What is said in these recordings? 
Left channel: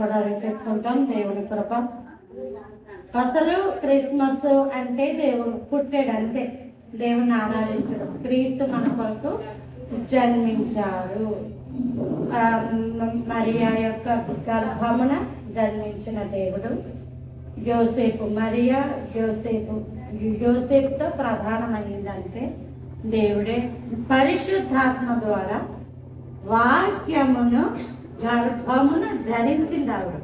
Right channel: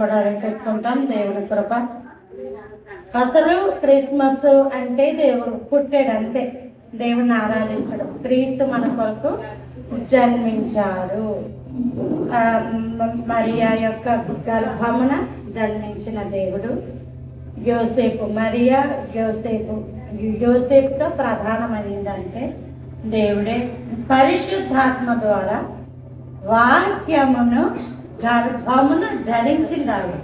కూడా చెప్పుకుంటాం. దేవుడి కృప. అసలు క్రిస్మస్ అంటే దేవుడు పుట్టాడు, అంతే. దేవుని ఆరాధించడం. క్రీస్తు మన కొరకు జన్మించారు. మరియా యొక్క గర్భమున జన్మించిన దేవుడు యోసేపు. మరియా యోసేపుతో ప్రధానమైందంటే దేవుడే పరిశుద్ధాత్మ ద్వారా వాక్యమును గర్భమును ధరించినాడు.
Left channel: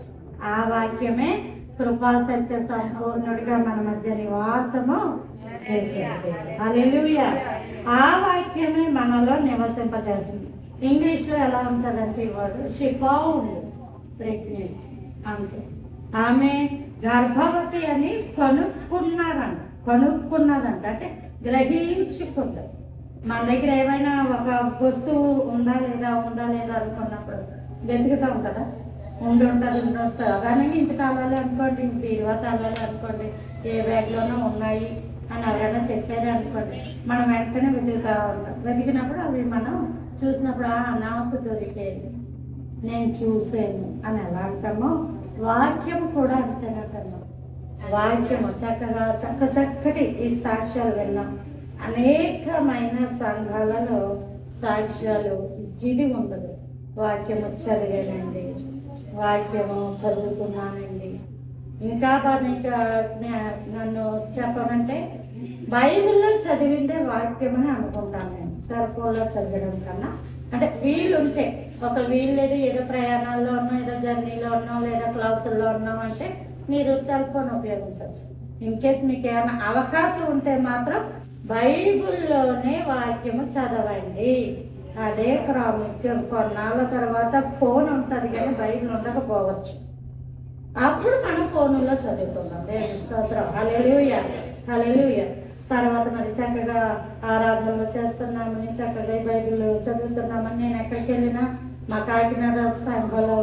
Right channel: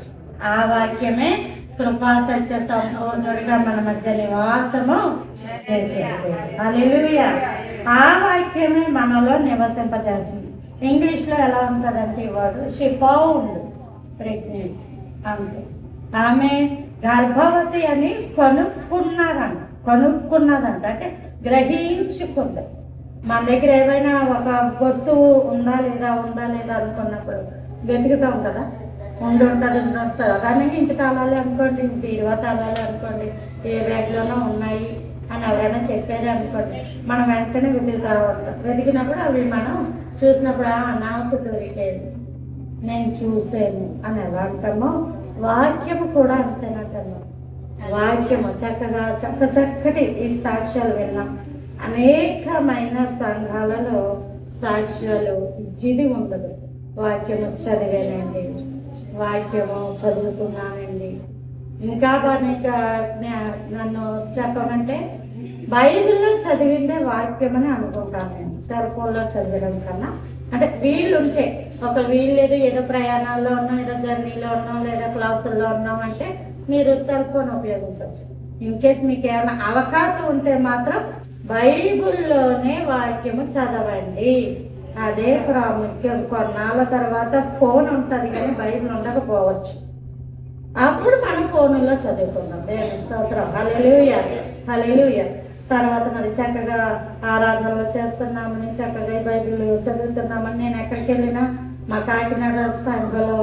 ఆ వాక్యమే కృపా సత్య సంపూర్ణుడిగా మన మధ్య నివాసము చేసేది. హల్లెలూయా. ఆ వాక్యమే మనలో నివసింపజేసింది. ఇంగ్లీష్లో ఎలా ఉంటుందంటే వాడు షీ ఫౌండ్ ప్రెగ్నెంట్ అంటే ఆమె గర్భవతి అని కనుక్కున్నదంట. అంటే గ్రహించుకుంది. మన దగ్గర ఏమైనా ఒక వస్తువు ఉందా లేదా అనుకున్నప్పుడు వెతుకుతాం కదా. ఉంటుంది కానీ ఇంటి తాళాలి అనుకోండి, బీరువా తాళాలి అనుకోండి, ఏ బ్యాగ్లోనో ఉన్నాయి అని ఎవరైనా చెప్పారు అనుకోండి, మనం వెంటనే వెతుకుతూ ఉంటాం. వెతికినప్పుడు అవి మనం చూసినప్పుడు నాకు దొరికేది, నేను చూసాను అని ఎలా అంటామో వాక్యం కూడా అంతేనంటాము. వాక్యము చక్కటి ఈ సాక్ష్యాలు విన్నాం. అనేకమైన సంఘాలలో సాక్ష్యాలు ఇది ఉండదు. వాక్యము చదివానండి, వాక్యము చదువుకున్నానండి. ఇంకా నన్ను చెప్పమంటే బైబిల్లో చదివిందే వాక్యం అని అనుకుంటాను నేను. సెల్ ఫోన్లో చదవడం కన్నా అంటే వీలుంటే, ఒక వీలు లేదు, ఏదో ప్రయాణాల్లో ఉన్నాం, ఏదో జర్నీలో ఉన్నాం, లేదా క్లాసుల్లో ఉన్నాం అంటే మీరు సెల్ ఫోన్ ఉపయోగించవచ్చు. ఇన్ కేస్ మీకు ఏమైనా అవకాశం ఉంటే మాత్రం బైబిల్లోనే వాక్యము చదవండి. అదే ప్రాముఖ్యం. కొన్నాళ్ళ తర్వాత ఫోన్ ఉంటుంది కానీ బైబిల్ ఉండకపోవచ్చు. అప్పుడు మనం ఫోన్లో చదువుకున్నాం. దేవుని స్తోత్రం. హల్లెలూయా, హల్లెలూయా. తర్వాత మరి చక్కగా ఆరాధనలు చేస్తున్నామని, చక్కగా బైబిల్ చదువుతున్నామని నేను ఎక్కడికి వెళ్ళినా మా కాకినాడ సంఘంలో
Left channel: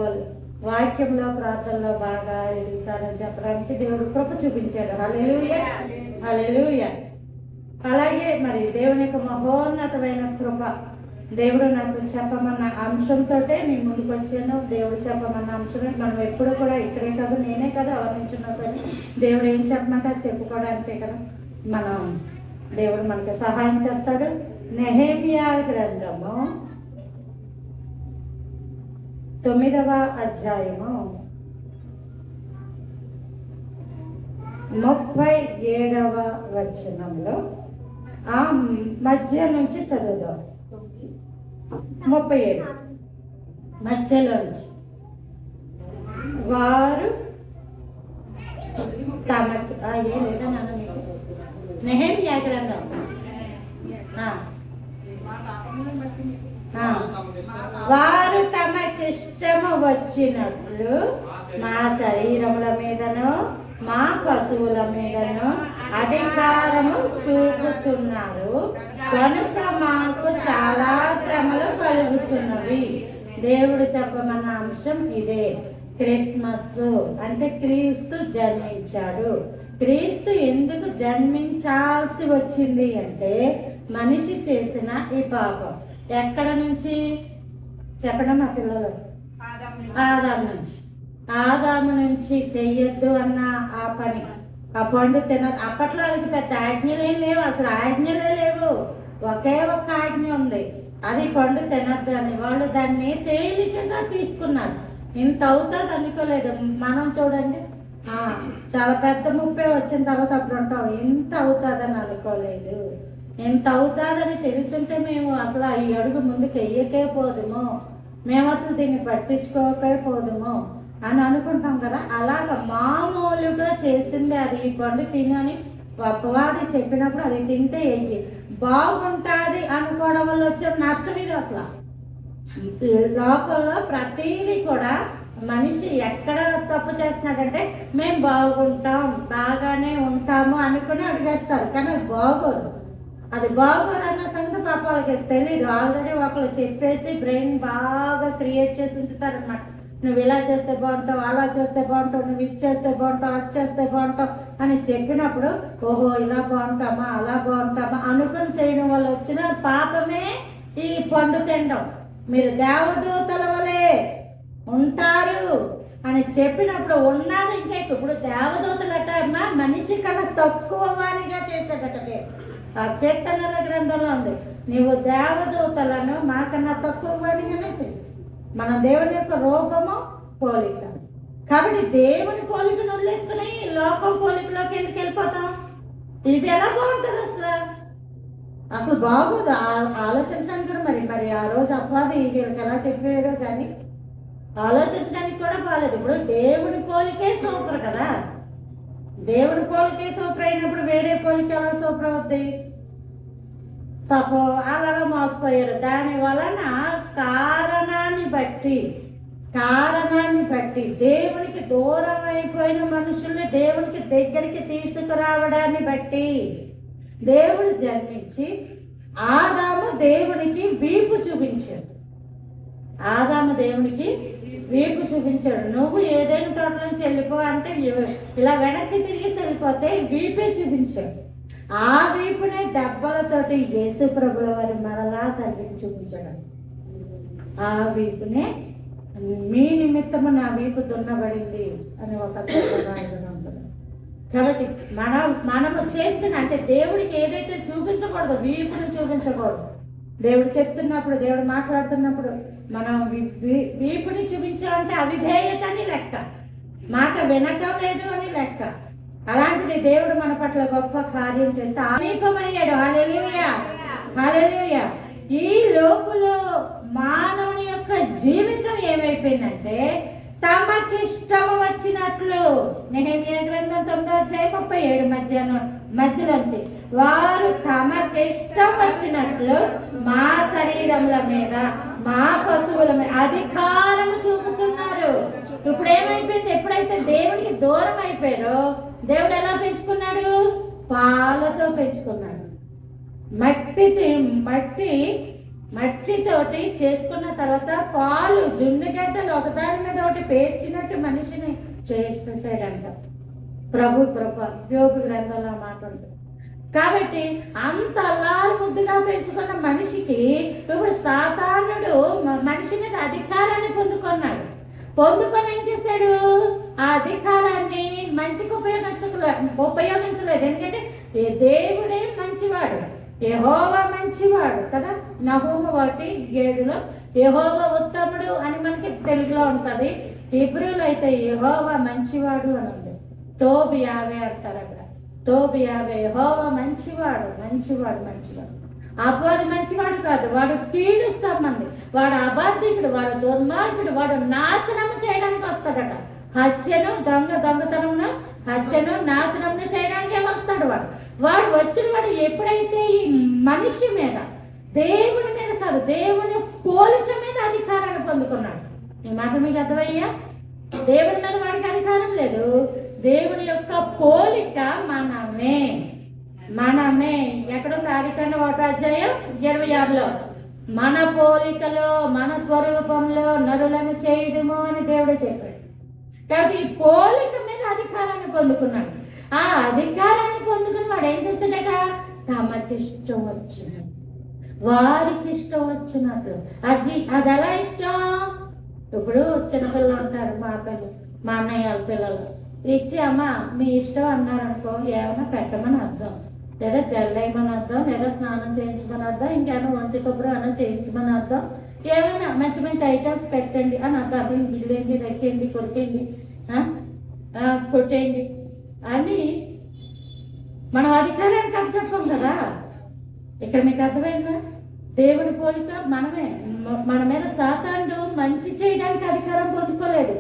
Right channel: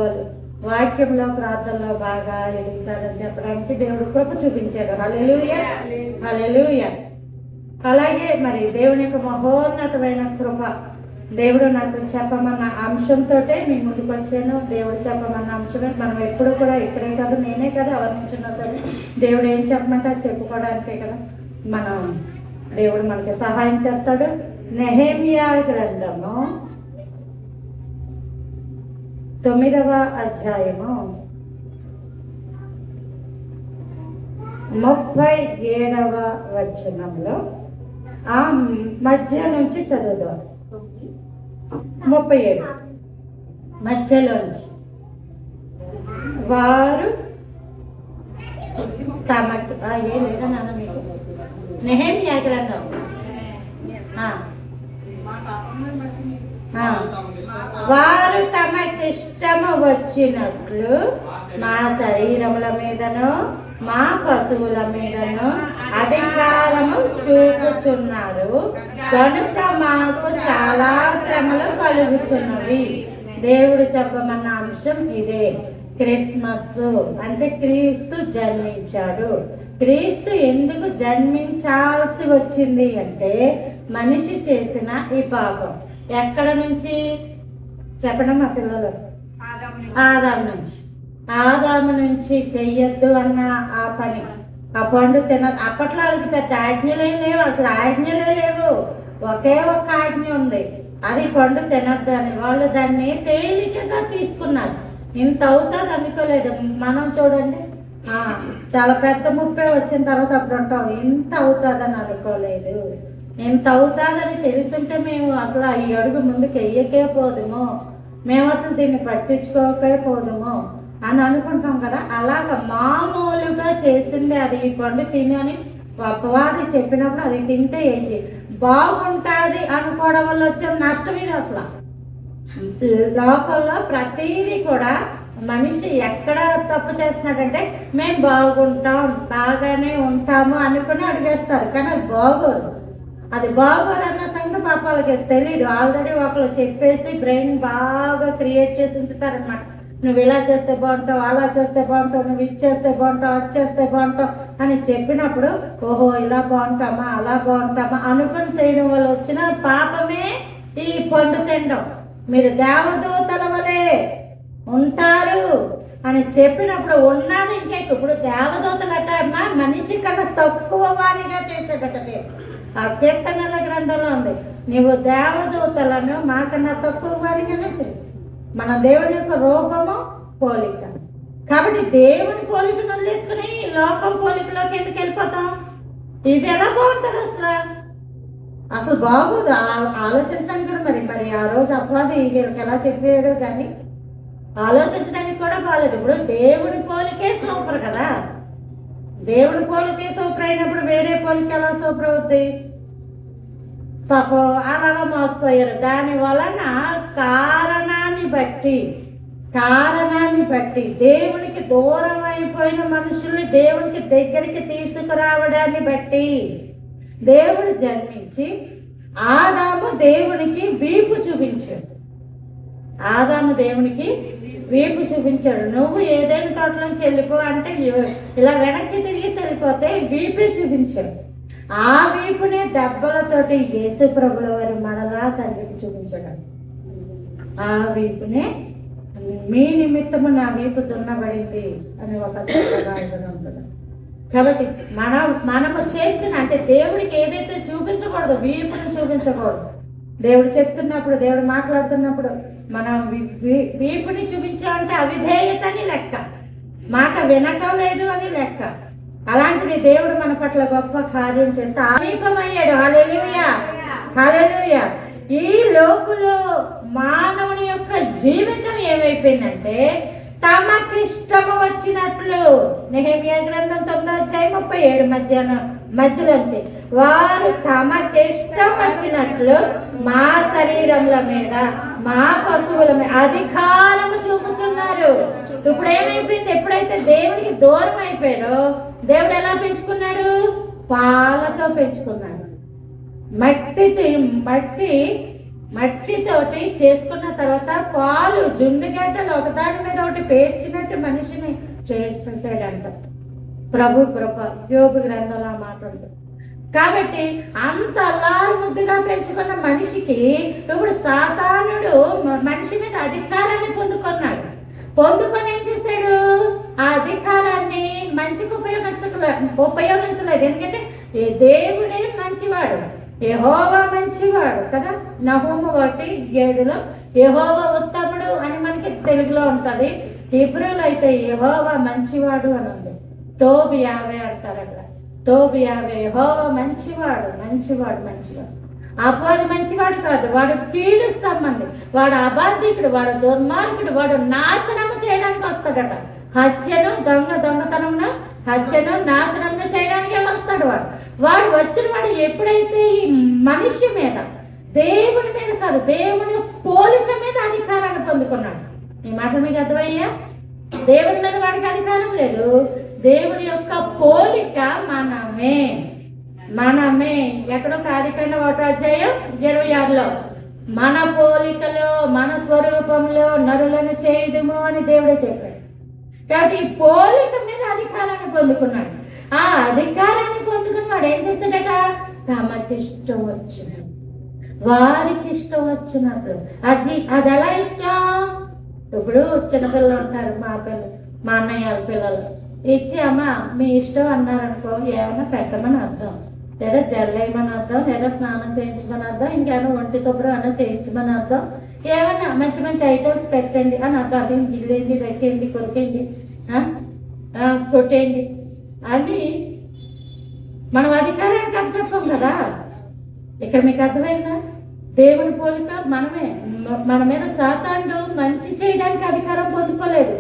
వాక్యంలో ప్రార్థనలో బాగా ఎదుగుతానని చెప్పడానికి దేవుడు కృప చూపించాడు. హల్లెలూయా, హల్లెలూయా. అలాగే మరి దేవుని యొక్క మహోన్నతమైన కృప. దేవుడు నాకు చెప్పమన్న అంశంతో మీ ముందుకు వచ్చాను. దేవుడు చెప్పమన్న అంశమే. మనం ఎప్పుడూ కూడా ఇక్కడే కాదు, నేనే కదా వర్ణించున్నా సరే దేవుడు ఏం చెప్పమంటే అది చెప్పుకోవడానికే కదా మనం దేవుడు మనకి సహాయం చేస్తాడు. నెహెమ్యా గ్రంథము 9వ అధ్యాయము 37వ వచనంలో ఆ మధ్య నుంచి చదువుదాం. 37 మధ్యలోంచి. వారు తమకి లేదా నాన్న మీకు నెహెమ్యా గ్రంథం వారు తమకిష్టము వచ్చినట్లు మా శరీరముల మీదను మా పశువుల మీదను అధికారము చూపుచున్నారు, కనుక మాకు చాలా శ్రమలు కలుగుతున్నవి. దేవుడు చెప్పమన్న అంశం ఇదే. క్రిస్మస్ అంటే క్రీస్తు జన్మించాడు. క్రీస్తు ఎందుకు జన్మించాల్సి వచ్చింది అంటే మనిషి చేసిన ఈ పాపం. ఎక్కడ నుంచి చెప్పడం మా పిల్లలు? ఆదాము నుంచి చెయ్యొద్దు అన్న ఆ పని, ఆ పండు అప్పట్లో వాళ్ళకి పెద్ద ఆజ్ఞలే లేవు, అసలు ఆజ్ఞలే లేవు. ఒకే ఒక్క ఆజ్ఞ ఉంది, అది పండు తినద్దు అని. వాళ్ళు దాన్ని తేలికగా తీసుకున్నారు. ఇంత అవుతుంది అనుకోలేదు. మనం చూడండి, చాలా పెద్ద ముప్పై వచ్చిన తర్వాత అప్పుడు ఉంటాం, ఇంత అవుతుందని అనుకోలేదు. ఇంత అవుతుందని తెలుసుంటే మేము అసలు ఈ అడుగు ముందుకు వెయ్యకే పోదుము, మేము అసలు దీన్ని పట్టించుకోకే పోదుము అని అనుకుంటాం కదా. అలాగ మామూలుగా చేసింది అది. ఈ పండు తిని అని అపవాది చెప్పినప్పుడు అది తింటే ఏంటి బాగుంటుంది అనుకోవడం వల్ల వచ్చే నష్టం ఇది. అసలు లోకంలో ప్రతిదీ కూడా మనిషి ఎక్కడ తప్పు చేస్తున్నాడంటే మేము బాగుంటాం, బాగానే ఉంటాము అనుకుని అడిగేస్తారు. కానీ అది బాగోదు. అది బాగోదన్న సంగతి పాప వాళ్ళకి తెలియదు. ఆల్రెడీ ఒకళ్ళు చెప్పేసి బ్రెయిన్ బాగా క్రియేట్ చేసి ఉంచుతారనమాట. నువ్వు ఇలా చేస్తే బాగుంటావు, అలా చేస్తే బాగుంటావు, నువ్వు ఇది చేస్తే బాగుంటావు, అది చేస్తే బాగుంటావు అని చెప్పినప్పుడు ఓహో ఇలా బాగుంటామా అలా బాగుంటామా అనుకుని చేయడం వల్ల వచ్చిన పాపమే ఈ పండు తినడం. మీరు దేవదూతల వలె ఉంటారు అని అని చెప్పినప్పుడు ఉన్నది ఇంకా ఎక్కువ. ఇప్పుడు దేవదూతలట మనిషి కన్నా తక్కువ వాణిగా చేసేటట్ట దేవుడు. ఆ కీర్తనల గ్రంథంలో ఉంది, నీవు దేవదూతలను మాకన్నా తక్కువ వాణిగానే చేసేసి. మన దేవుని యొక్క రూపము పోలిక. కాబట్టి దేవుని పోలికను వదిలేసుకుని లోకం పోలికలోకి ఎందుకు వెళ్ళిపోతాం? ఇది ఎలా బాగుంటుంది అసలు బాగోదు ఆలోచించడానికి కూడా. మరి ఆ రోజు అపవాది వీళ్ళకి ఎలా చెప్పాడు కానీ ఆలోచించడానికి కూడా బాగాలేదు. ఇప్పుడు దేవుని పోలికే సూపర్ కదా. దేవుని పోలికే సూపర్ అయినప్పుడు వేరే పోలిక ఎలా సూపర్ అవుద్ది? పాపం అలా మోసపోయారు. దాని వలన కారణాన్ని బట్టి దేవునికి దూరం అయిపోయిన మనుషుల్ని దేవునికి దగ్గరికి తీసుకురావడాన్ని బట్టి దేవుడు జన్మించి ఆదాము దేవునికి వీపు చూపించాడు. నువ్వు ఏదైనా తోటలోంచి వెళ్ళిపో అంటే ఇలా వెనక్కి తిరిగి వెళ్ళిపోతే వీపే చూపించాడు. ఆ వీపునే దెబ్బలతోటి యేసు ప్రభుల వారి మనలా తండ్రికి చూపించాడు. ఆ వీపునే మీ నిమిత్తము నా వీపు దున్నబడింది అని ఒక ఉంటుంది. కాబట్టి మనము చేసిన అంటే దేవుడికి ఏదైతే చూపించకూడదు, వీపును చూపించకూడదు. దేవుడు చెప్తున్నప్పుడు, దేవుడు మాట్లాడుతున్నప్పుడు మనం వీపుని చూపించామంటే అవిధేయత అని లెక్క, మాట వినటం లేదు అని లెక్క. అలాంటిది దేవుడు మన పట్ల గొప్ప కార్యం చేస్తే సమీపమయ్యాడు. హల్లెలూయా, హల్లెలూయా. ఈ లోపులో మానవుని యొక్క జీవితం ఏమైపోయిందంటే తమకిష్టము వచ్చినట్లు. నెహెమ్యా గ్రంథం 9:37 మధ్యలోంచి వారు తమకిష్టం వచ్చినట్లు మా శరీరముల మీద మా పశువుల మీద అధికారం చూపుతున్నారు. ఇప్పుడు ఏమైపోయింది? ఎప్పుడైతే దేవుడికి దూరం అయిపోయారో దేవుడు ఎలా పెంచుకున్నాడు? పాలతో పెంచుకున్నాడు. మట్టితోటి చేసుకున్న తర్వాత పాలు జుండుగడ్డలు ఒకదాని మీద ఒకటి పేర్చినట్టు మనిషిని చేసేసాడంట. ప్రభు కృప యోగు గ్రంథంలో మాట్లాడుతుంది. కాబట్టి అంత అల్లారు ముద్దుగా పెంచుకున్న మనిషికి ఇప్పుడు సాతానుడు మనిషి మీద అధికారాన్ని పొందుకొని ఏం చేశాడు? ఆ అధికారాన్ని మంచికి ఉపయోగించలేదు. ఎందుకంటే దేవుడే మంచివాడు, యెహోవా మంచివాడు కదా. నహూము 1:7 యెహోవా ఉత్తముడు అని మనకి తెలుగులో ఉంటుంది. హీబ్రూలో అయితే యెహోవా మంచివాడు అని ఉంది. తోబు 50 అంటారు అక్కడ. తోబు 50 యెహోవా మంచివాడు. అపవాది మంచివాడు కాదు, వాడు కీడు సంబంధి, వాడు అబాధికుడు, వాడు దుర్మార్గుడు, వాడు నాశనం చేయడానికి వస్తాడట. దొంగతనమును హత్యను నాశనమును చేయడానికి వస్తాడు. వాడు వచ్చిన వాడు ఎప్పుడైతే ఈ మనిషి మీద, దేవుని మీద కాదు, దేవుని పోలిక మీద అధికారాన్ని పొందుకున్నాడు. ఈ మాట మీకు అర్థమయ్యా? దేవుని మీద వాడికి అధికారం లేదు, దేవుని యొక్క పోలిక మనమే. ఎక్కడో ఆదికాండం 1:26 మన పోలికలో మన స్వరూపంలో నరులను చేయుదుము అని దేవుడే చెప్పాడు. కాబట్టి ఈ పోలిక మీద అధికారాన్ని పొందుకున్నాడు. ఆ అధికారాన్ని పొందుకుని వాడు ఏం చేస్తాడట? తమకిష్టం వచ్చినట్టు, వారికి ఇష్టం వచ్చినట్లు. అది ఎలా ఇష్టం? ఇప్పుడు చిన్నపిల్లలు ఉంటారు, మా అన్నయ్య పిల్లలు ఇచ్చి అమ్మ మీ ఇష్టం అన్నారనుకో, ఏమన్నా పెట్టమని అర్థం, లేదా జల్లేయమని అర్థం, లేదా స్నానం చేయించమని అర్థం, ఇంకేమో ఒంటి శుభ్రం అన్న చేయించమని అర్థం, ఏమన్నా మంచి ఐటమ్స్ పెట్టండి అని అర్థం. అది గిల్లేండి, రెక్కండి, కొరికండి, కొట్టేయండి అని మనం అధికారానికి అని చెప్పాం కదా. ఇక్కడ మీకు అర్థమైందా? దేవుని పోలిక మనమే. మన మీద సాతానుడు మంచి చేయడానికి అధికారం పొందుకోలేదు,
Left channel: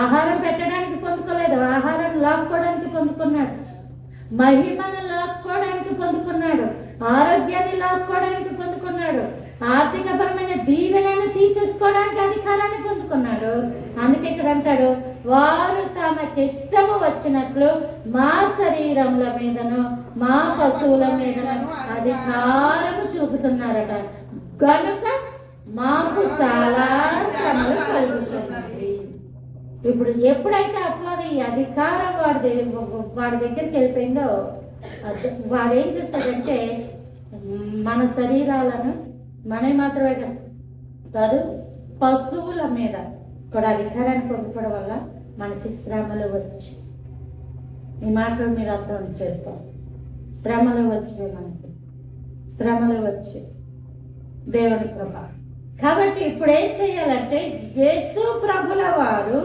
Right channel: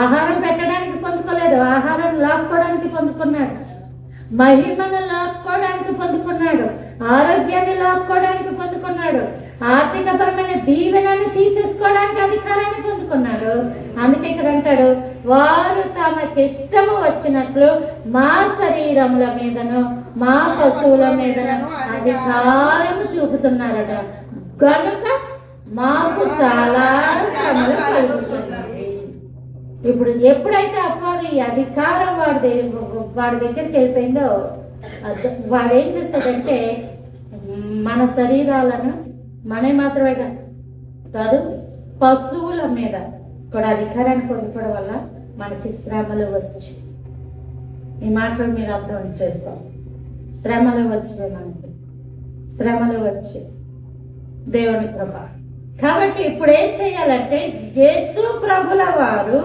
ఆహారం పెట్టడానికి పొందుకోలేదు, ఆహారం లాక్కోవడానికి పొందుకున్నాడు, మహిమను లాక్కోవడానికి పొందుకున్నాడు, ఆరోగ్యాన్ని లాక్కోవడానికి పొందుకున్నాడు, ఆర్థికపరమైన దీవెనను తీసేసుకోవడానికి అధికారాన్ని పొందుకున్నాడు. అందుకే ఇక్కడ అంటాడు, వారు తమకిష్టము వచ్చినట్లు మా శరీరముల మీదను మా పశువుల మీదను అధికారం చూపుతున్నారట. కనుక మాకు చాలా శ్రమలు కలుగుతున్నాయి. ఇప్పుడు ఎప్పుడైతే అపవాది అధికారం వాడి దగ్గరికి వెళ్ళిపోయిందో, వాడు ఏం చేస్తాడంటే మన శరీరాలను మాత్రమే కాదు పశువుల మీద కూడా అధికారాన్ని పొందుకోవడం వల్ల మనకి శ్రమలు వచ్చి, ఈ మాటలు మీరు అర్థం చేసుకోండి. శ్రమలు వచ్చి మనకి శ్రమలు వచ్చి దేవుని కృప. కాబట్టి ఇప్పుడు ఏం చేయాలంటే, యేసు ప్రభుల వారు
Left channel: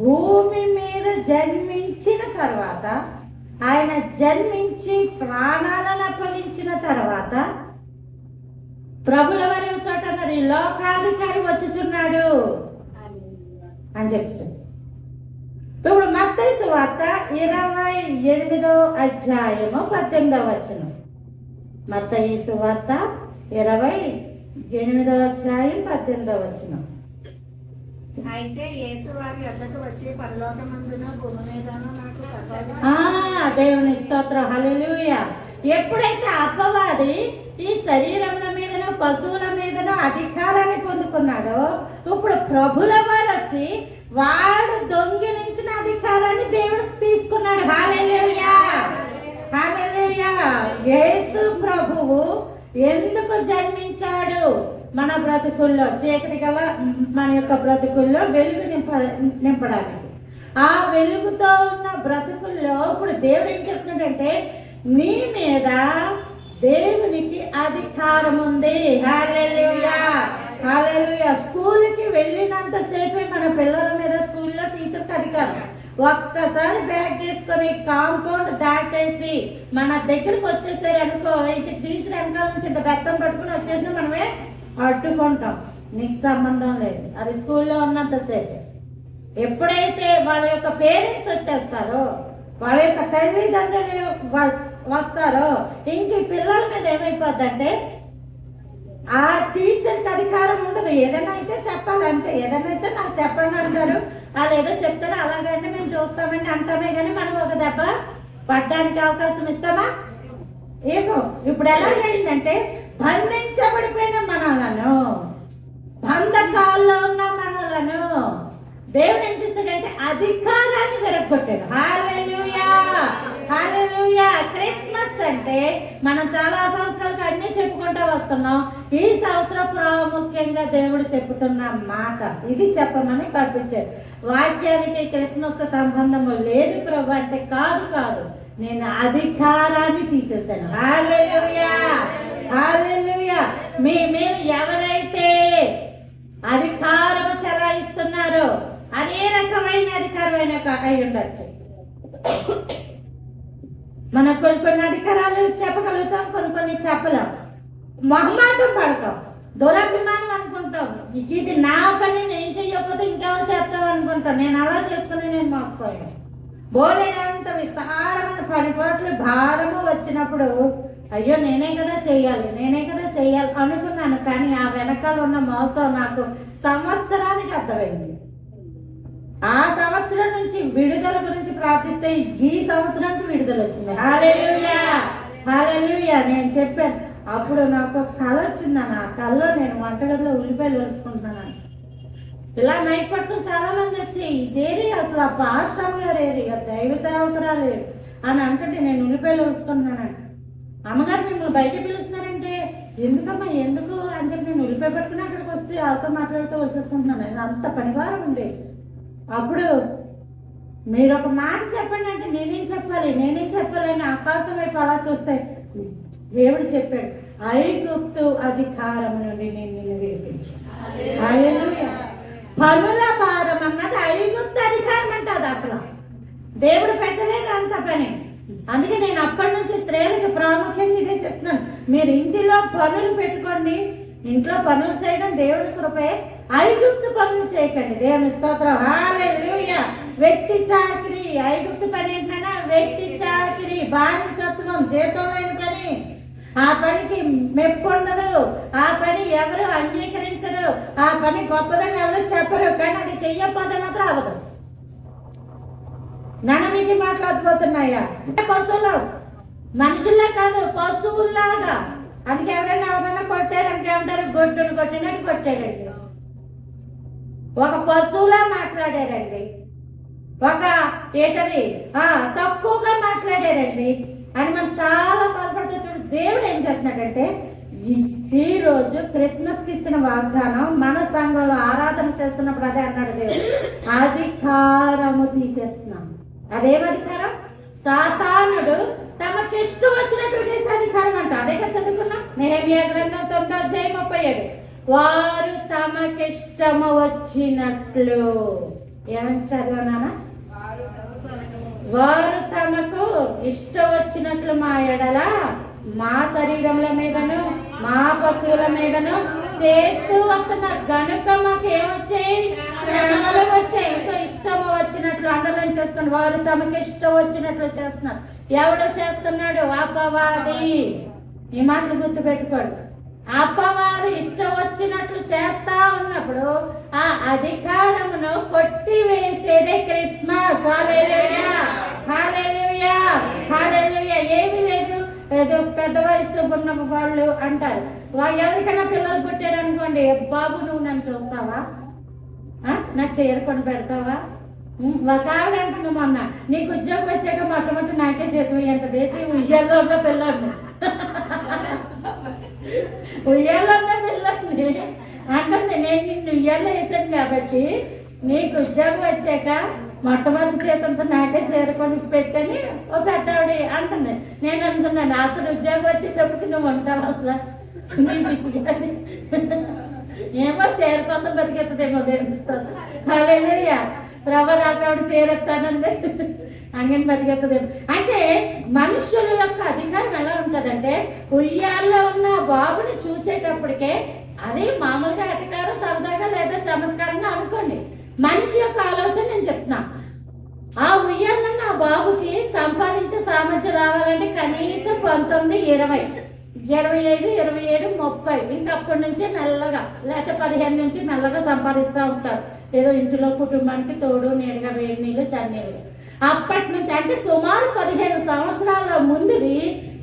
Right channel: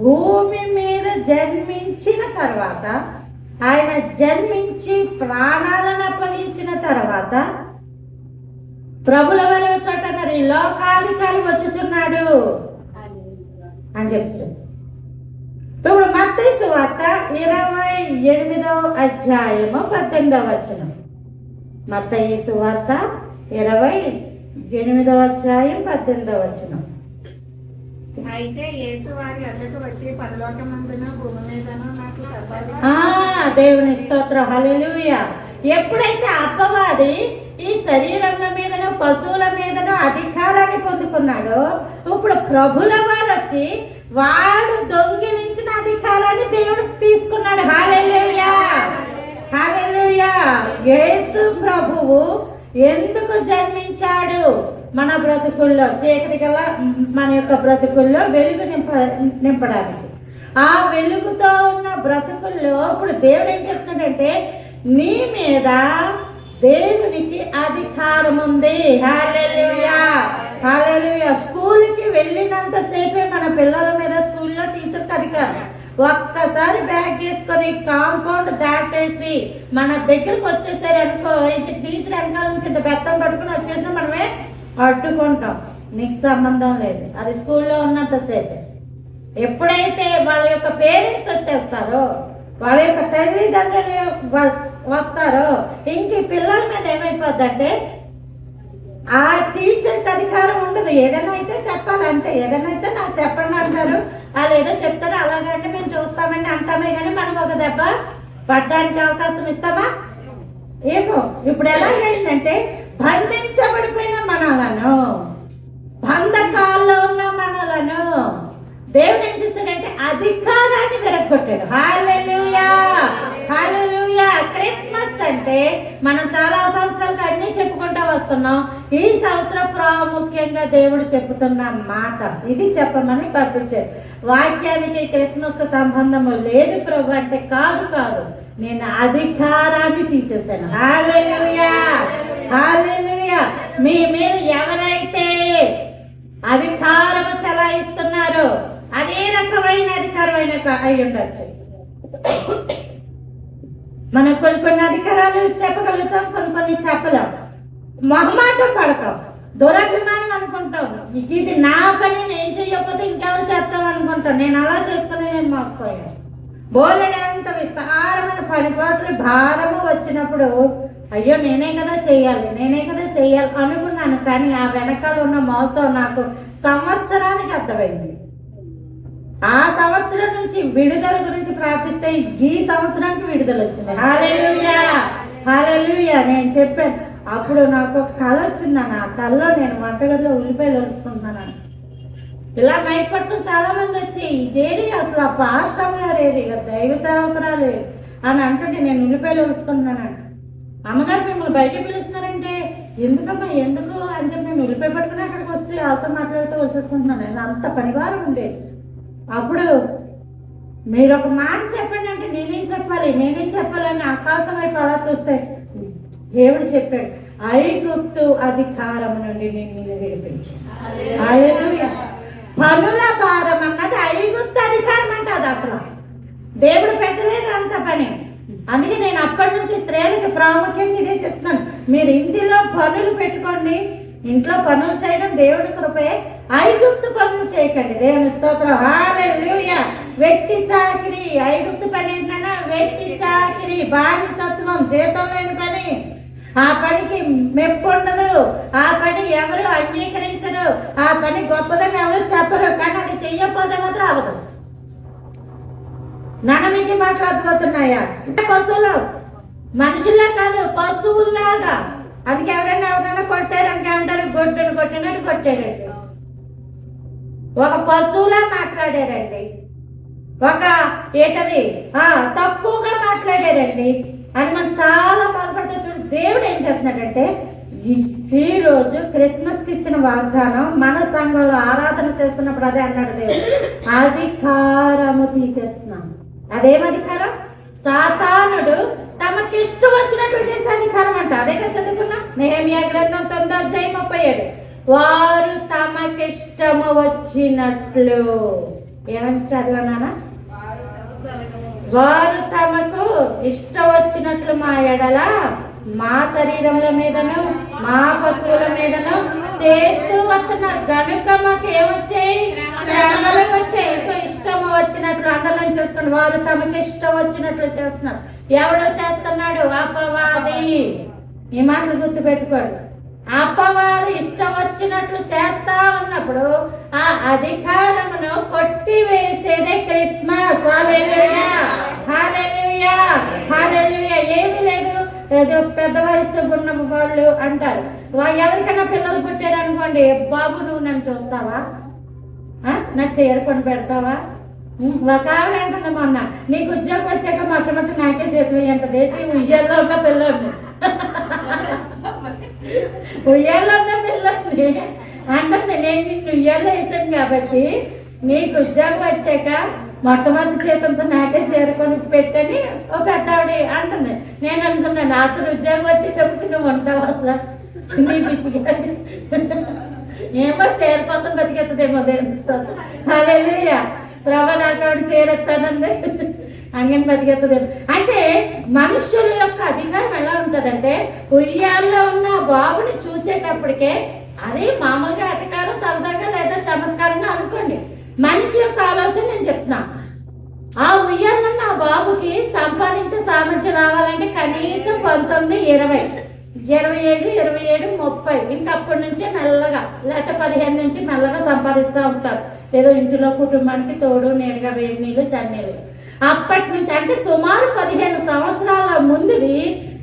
భూమి మీద జన్మించిన తర్వాత, ఆయన జన్మించి ప్రాణాలను అప్పగించిన తర్వాత ప్రభుల వారి చోట మరి లోకాధికారి వచ్చుచున్నాడు అని చెప్తుంది. ఇప్పుడు మత్తయి సువార్త 28వ అధ్యాయము 18వ వచనం. మత్తయి సువార్త 28వ అధ్యాయం 18వ వచనం. అయితే యేసు వారి వద్దకు వచ్చి పరలోకమందున భూమి మీదను నాకు దేవుని స్తోత్రం, హల్లెలూయా. ఎప్పుడైతే అపవాది ఈ శరీరముల మీదను పశువుల మీదను అధికారాన్ని పొందుకున్నాడో, ఇప్పుడు ప్రభుల వారు వచ్చి వాడు దొంగిలించిన అధికారాన్ని దేవుడు తీసుకున్నాడు. హల్లెలూయా, హల్లెలూయా. యేసు ప్రభువు ఎందుకు జన్మించాడు? మన బ్రతుకుల్లో, చీకటి గల మన యొక్క బ్రతుకుల్లో వెలుగు నింపడానికి. ఆ వెలుగుతో ఉన్న బ్రతుకుల్లో ఇప్పుడు దేవుడు ఏం చెప్తున్నాడంటే, నీ మీద దేవునికి అధికారం ఉంది. హల్లెలూయా, హల్లెలూయా. స్కూల్కి వెళ్ళినంత సేపే మన పిల్లల మీద స్కూల్లో టీచర్కి అధికారం. ఒక్కసారి బ్యాగ్ వేసుకొని కాంపౌండ్ దాటేసి మన దగ్గరకు వచ్చేసారు అనుకో, ఇంటి టీచర్ వెనకాల నుంచి ఇంత బెత్తం పట్టుకుని వచ్చేసి మనమే అడ్డుకుంటాం. నీకు సంబంధం లేదు, అది స్కూల్లో ఉన్నంతసేపు. ఎప్పుడైతే వాళ్ళ యొక్క పేరెంట్స్ వచ్చేస్తారో, వాళ్ళ యొక్క తల్లిదండ్రులు వస్తారో, ఇంక పిల్లల మీద ఏమైపోద్దంటే ఆ టీచర్కి అధికారం ఉండదు. ఏదైనా అయితే చెప్పాలి అంతే. ఏదైనా అయితే నాకు చెప్పండి అంటారు, వాళ్ళు ఏదో చెప్తారు, అలాగంటే మేము చూస్తామండి అంటామే, కానీ మనం ఒక దెబ్బ పడ్డానికి అవకాశం ఇస్తామా? ఏమో. ఇప్పుడు ఎలాగైందంటే, బంధించబడిపోయిన మనలను, బంధకాల్లో ఉన్న మనలను దేవుడు ఏం చేశాడంటే అధికారాన్ని విరగొట్టాడు. హల్లెలూయా, హల్లెలూయా. క్రిస్మస్ అంటే మనం చాలా సంవత్సరాలుగా అన్ని చెప్పుకుంటూ వస్తున్నాం. ఈ సంవత్సరం ప్రాముఖ్యంగా దేవుడు చెప్పుతున్న మాట ఇది చెప్పమని పంపించారు. వాక్యానికి క్రిస్మస్ కు సంబంధము లేదు ప్రభు అంటే, కాదు కాదు, నేను అధికారాన్ని తీసేశాను. హల్లెలూయా, హల్లెలూయా. మీ మీద ఎవరైతే అధికారము చెలాయిస్తున్నారో అదే రకమైన అధికారమైన అయి ఉండొచ్చు. మనం కొన్ని అధికారాలు చెప్పగలుగుతాం, కొన్ని చెప్పలేం. మొహమాటం పడతాం, దురభిమానం అనుకుంటాం. ఇది నా పని, నేను చెయ్యకపోతే ఇంకెవరు చేస్తాం అనుకుంటాం. నేను అలా చేసుకుని నేను మోసపోయాను. బోలెడంత విస్తారమైన పనిపాట్లు భారము వచ్చినప్పుడు, అయ్యో నేనే కదా చెయ్యాలి అనుకున్నాను. కానీ ఆ వెనకాల ఉన్న మోసం నాకు సంవత్సరానికి అర్థమైంది. ఆ సంవత్సరం నుంచి విడుదల గురించి ప్రార్థిస్తే ఈ సంవత్సరానికి విడుదల వచ్చింది. హల్లెలూయా, హల్లెలూయా. నేను చెప్పాను అప్పుడు, నాకు ఒక కళ వచ్చిందని. ఆ కళలో నేను వంటగదిలో ఉల్లిపాయలు వలుసుకుంటున్నాను. ఇలా మైపట్టు చాలా మంది వచ్చి, ఇదేరి అసలు ఆ పాస్టర్ గారు ఏరి, దైవ సేవకురాలు అని అంటుంటే నేను ఉల్లిపాయలు వలుసుకుంటున్నాను. అమ్మగారు మిమ్మల్ని బయటకు పిలుస్తున్నారంటే, ఎందుకమ్మా ఎందుకు అని చెప్పి నేను ఉల్లిపాయ పట్టుకుని అక్కడికి వచ్చి వాళ్ళతో మాట్లాడుతూ వచ్చేసుకుంటున్నాను. అంత పనివారం ఉండేది. అప్పుడు మీరు ఒక మాట చెప్పండి అంటే నేనేం చెప్పాలని ఆకాశం వైపు అలా చూస్తే దేవుడు చెప్పాడు, ఐగుప్తు అధికారం నుండి నిన్ను విడిపించి. పనుల భారం అన్నది ఐగుప్తు అధికారం అంటే అది అసలు దేవుడు పెట్టలేదు అంత పని. అందుకే నేను అప్పటి నుంచి స్త్రీలకి ప్రాముఖ్యంగా ఇదే చెప్తున్నాను. మీరు ఇంటిలో పనులు పెట్టుకోండి, ఇంట్లో పనులు చేయడం దేవుడి కృపే. ఐగుప్తు పనులు చేయకండి. దేవుని స్తోత్రం, హల్లెలూయా. వెట్టి చాకిరి, ఐగుప్తు పని ఏంటన్నా వెట్టి చాకిరి, బానిసత్వం, జీతం లేని పని. ఆ పనికి మెప్పు ఉండదు, ఆ పని ఎవరు అంగీకరించరు, ఆ పని గొప్పదని ఎవరు చెప్పరు. కానీ అది చెయ్యకపోతే మాత్రం అవదు. ననమికి మాట్లాడిపోతున్నాయా? పశువులు మనుషుల్లా కాదు, పశువుల్లాగా. అది ఎవరైనా కొట్టారంటే ఏమంటారు, గొడ్డును కొట్టినట్టు కొట్టారండి. ఒక పశువులా మాట్లాడారండి, ఒక ఏంటది తక్కువగా మాట్లాడారండి అని మనం చాలా బాధపడుతూ చూడండి. దేవుడు ఏం చెప్తున్నాడంటే, ఈ రోజు క్రిస్మస్ కి ఇచ్చిన వాగ్దానం మన సంఘంలో ఆరాధన చేస్తున్నప్పుడు అదే అన్నాడు దేవుడు, అధికారము తీసేస్తున్నాం. అదేం అధికారం? సాతానుడు తమకిష్టం వచ్చినట్లు చేసే అధికారం అంట. అదేగా చదువుకున్నాం నెహెమ్యా గ్రంథం 9:37. వారు తమకిష్టము వచ్చినట్లు ఏమని చదివానా? వారు తమకు ఇష్టం వచ్చినట్లు మా ఎడల, మా శరీరముల మీదను, మా పశువుల మీదను చేస్తూ వస్తున్నారు. కనుక మాకు ఏమొచ్చాయి? శ్రమలు వచ్చాయి. ఇష్టం వచ్చినట్లు అండలం చెప్తున్నాడు. వారు తమకి ఇష్టం వచ్చినట్లు చేస్తున్నారు. ఎవడో చేస్తున్నాడు? అపవాది. ఈ మాటలు గుర్తు పెట్టుకోడు. అపవాది ఇష్టం వచ్చినట్లు చేస్తా ఉన్నప్పుడు ఆ అధికారమును కొట్టివేసేదే క్రిస్మస్. హల్లెలూయా, హల్లెలూయా, హల్లెలూయా. ఏమీ లేదు, ఏదో పెద్ద వయసు ఉన్న వాళ్ళు అంటారు, ఎవరికైనా పిల్లలు పుట్టారు అనుకోండి, బాబు నువ్వు నన్ను చూస్తావా, నా చీర కొని పెడతావా? ఒక ఆవిడ అంటుంది మొన్న, నీకు ఉద్యోగం వచ్చాక మొట్టమొదటి నాకే చేతి అంటది. ఉయ్యాల్లో ఉన్న పిల్లల్ని ఉయ్యాల్లో ఉన్న పిల్లల్ని అంటుంది, నేను నిన్ను ఉయ్యాల్లో వేసాను కాబట్టి నీకు ఉద్యోగం వచ్చాక మొట్టమొదటి చేతంతో నాకే చేరుకొని పెట్టని ఒక పెద్ద ఆవిడ అంటుంది. నేను అనుకున్నాను, అతను ఉద్యోగం వచ్చేటప్పుడు నువ్వు ఉంటావు అసలు ఏమో చీర కోసం బతికెత్తదేమో. హల్లెలూయా, ప్రభా నాకు ఆవిడ చేరెత్తానండి అందుకని బతికెత్తదేమో. అంటే మనుషుల యొక్క అధికారం ఎలా ఉంటుందంటే, ఉయ్యాల్లో ఉన్న బాబుని చూసేటప్పటికే అది మామూలుగా అటకారం, సరదాగా లేదా చమత్కారంగా అనుకోండి. మనిషి యొక్క ఆలోచన నేను చెప్తున్నా. ఆ ఉయ్యాలన్న ఆ బాబుకి సంపాదించే సామర్థ్యం రావాలంటే కనీసం 19, 20, 25, 27, 30 ఇంకా అప్పటి నుంచే మెల్లగా, లేకపోతే 15 నుంచి మెల్లగా సంపాదిస్తూ ఉంటారు. ఏదో ఇంటిలో కుటుంబానికి తోడు నీడగా వేడి నీళ్ళు చన్నీళ్ళు. అప్పటి నుంచి అంటే సుమారు 15 సంవత్సరాల ముందుది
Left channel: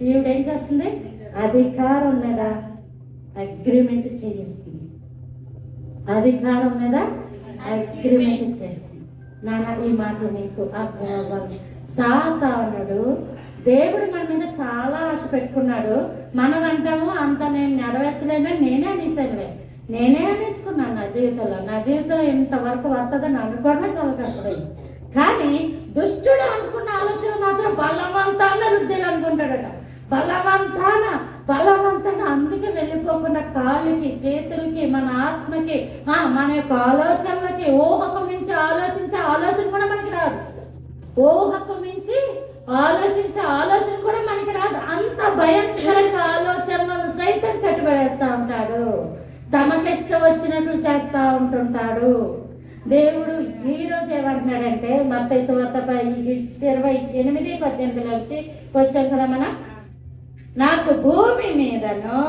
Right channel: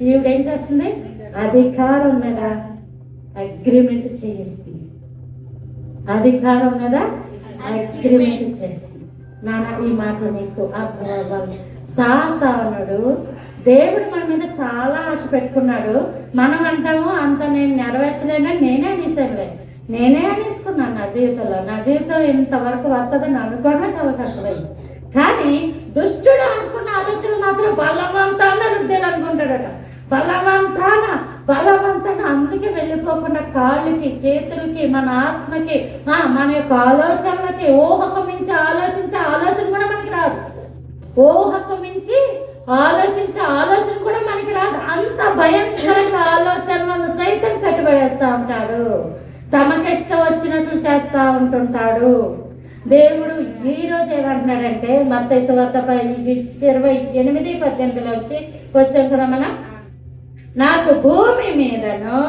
ఈవిడేం చేస్తుంది? అధికారం ఉన్నదా అగ్రిమెంట్ చేయిస్తుంది. అధికారం ఉన్నదా అగ్రిమెంట్ చేస్తుంది. నాన్న ఈ మాటలు మీకు సాతానుడు దేవుడు మన మీద చాలా ఆశ పెట్టుకున్నాడు. మనం అంటాము అంత నేను నెరవేర్చలేనని నేనే అనేసుకున్నాను నా జీవితంలో. నా జీవితం ఇంతవరకు వస్తుందని అనుకోవడమే చాలా కష్టమైంది. కానీ దుష్టుడు అనుకున్న ఆలోచన మాత్రం బలవంతాన రుద్దేలు అనుకుంటాడట. బలవంతాన అందుకే వెళ్ళిపోకుండా కాళ్ళకి, చేతులకి, మన ఆత్మకి, మన యొక్క ఆలోచనలకి, ఊహకు మించి ఆలోచించే ఆలోచన కూడా మనకి రాదు. ఊహకు మించి ఆలోచించే ఆలోచన కూడా మనకి రాదు. అంత భయంకరంగా ఆలోచనలను సైతం కట్టుబడేస్తా ఉంటాడు. తమకిష్టం వచ్చినట్లు చేస్తా ఉంటుంటాడు. దేవుడు ఈ రోజు ఏమంటున్నాడంటే మత్తయి సువార్త 28:18 వచ్చాం కదా మనం, నాకు భూమి మీదను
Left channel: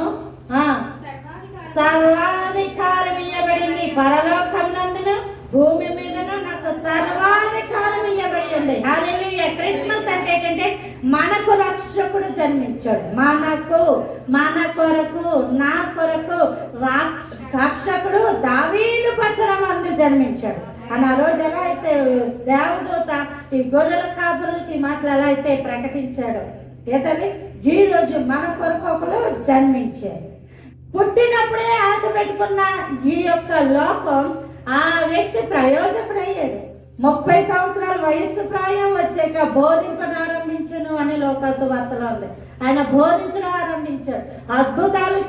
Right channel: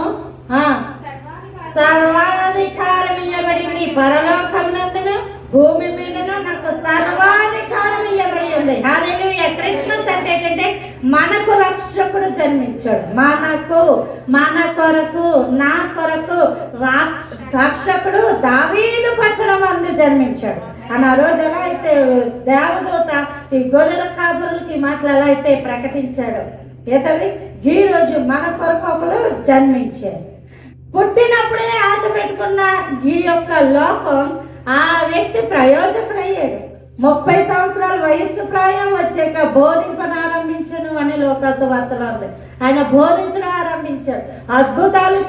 సర్వాధికారం ఇవ్వబడింది, పరలోకమునందును భూమి మీదను నాకు సర్వాధికారం ఇవ్వబడి ఉంది. హల్లెలూయా. క్రిస్మస్ అంటే ఏంటంటే మనకు రక్షకుడు జన్మించాడు. మన కొరకు, నా కొరకు రక్షకుడు దావీదు పట్టణం అందు జన్మించాడు అని ఆ రోజు ఎలా అయితే దేవదూత ఈ గొర్రెల కాపురులకి మాటలు ఎలా అయితే ప్రకటించాడు, ఏతల్లి ఈ రోజు మన కొరకు ఒకరు జన్మించాడు. పుట్టినప్పుడే ఆశ పెట్టుకున్న ఈ యొక్క లోకం ఆ వ్యక్తి ప్రయోజకుడయ్యాడు. 30 సంవత్సరాల వయస్సు ప్రాయం వచ్చాక బోధింపనారంభించను అని లోకాసు వార్తలో ఉంది. ఆయన బోధించడం ఆరంభించాడు, అద్భుతాలు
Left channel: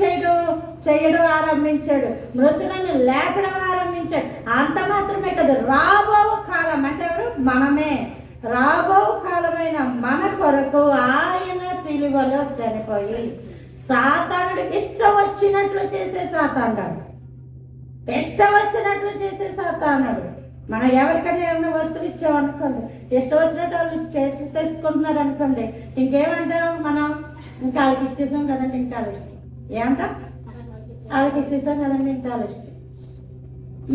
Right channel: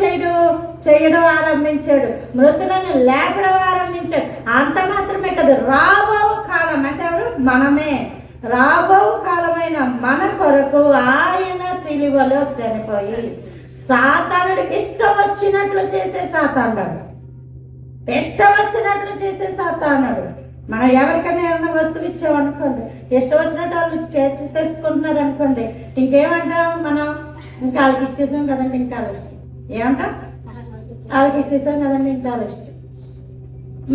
చేయడం ఆరంభించాడు, మృతులను లేపడం ఆరంభించాడు. అంత మాత్రమే కదా, రాబో కాలం అంటే ఎవరు? మనమే. రాబో కాలమైన మన కొరకు ఆయన సిలువలో చనిపోయి సాతానుడికి ఇష్టం వచ్చినట్లు చేసే సాతానుడు, ఇష్టం వచ్చినట్లు చేసే సాతానుడు. మనం ఎవరికైనా ఏమైనా వస్తువు ఇచ్చామనుకోండి, ఇష్టం వచ్చినట్టు వాళ్ళు చేసేసుకుంటున్నారు అనుకోండి, ఇంకేమంటాం మనం? ఇంకా వాళ్ళకి ఇచ్చేసాం కదండి, ఇంకా ఇష్టం ఏమంటాం? వాళ్ళకి ఇచ్చేసాం కదండి, ఇంకా ఇష్టం.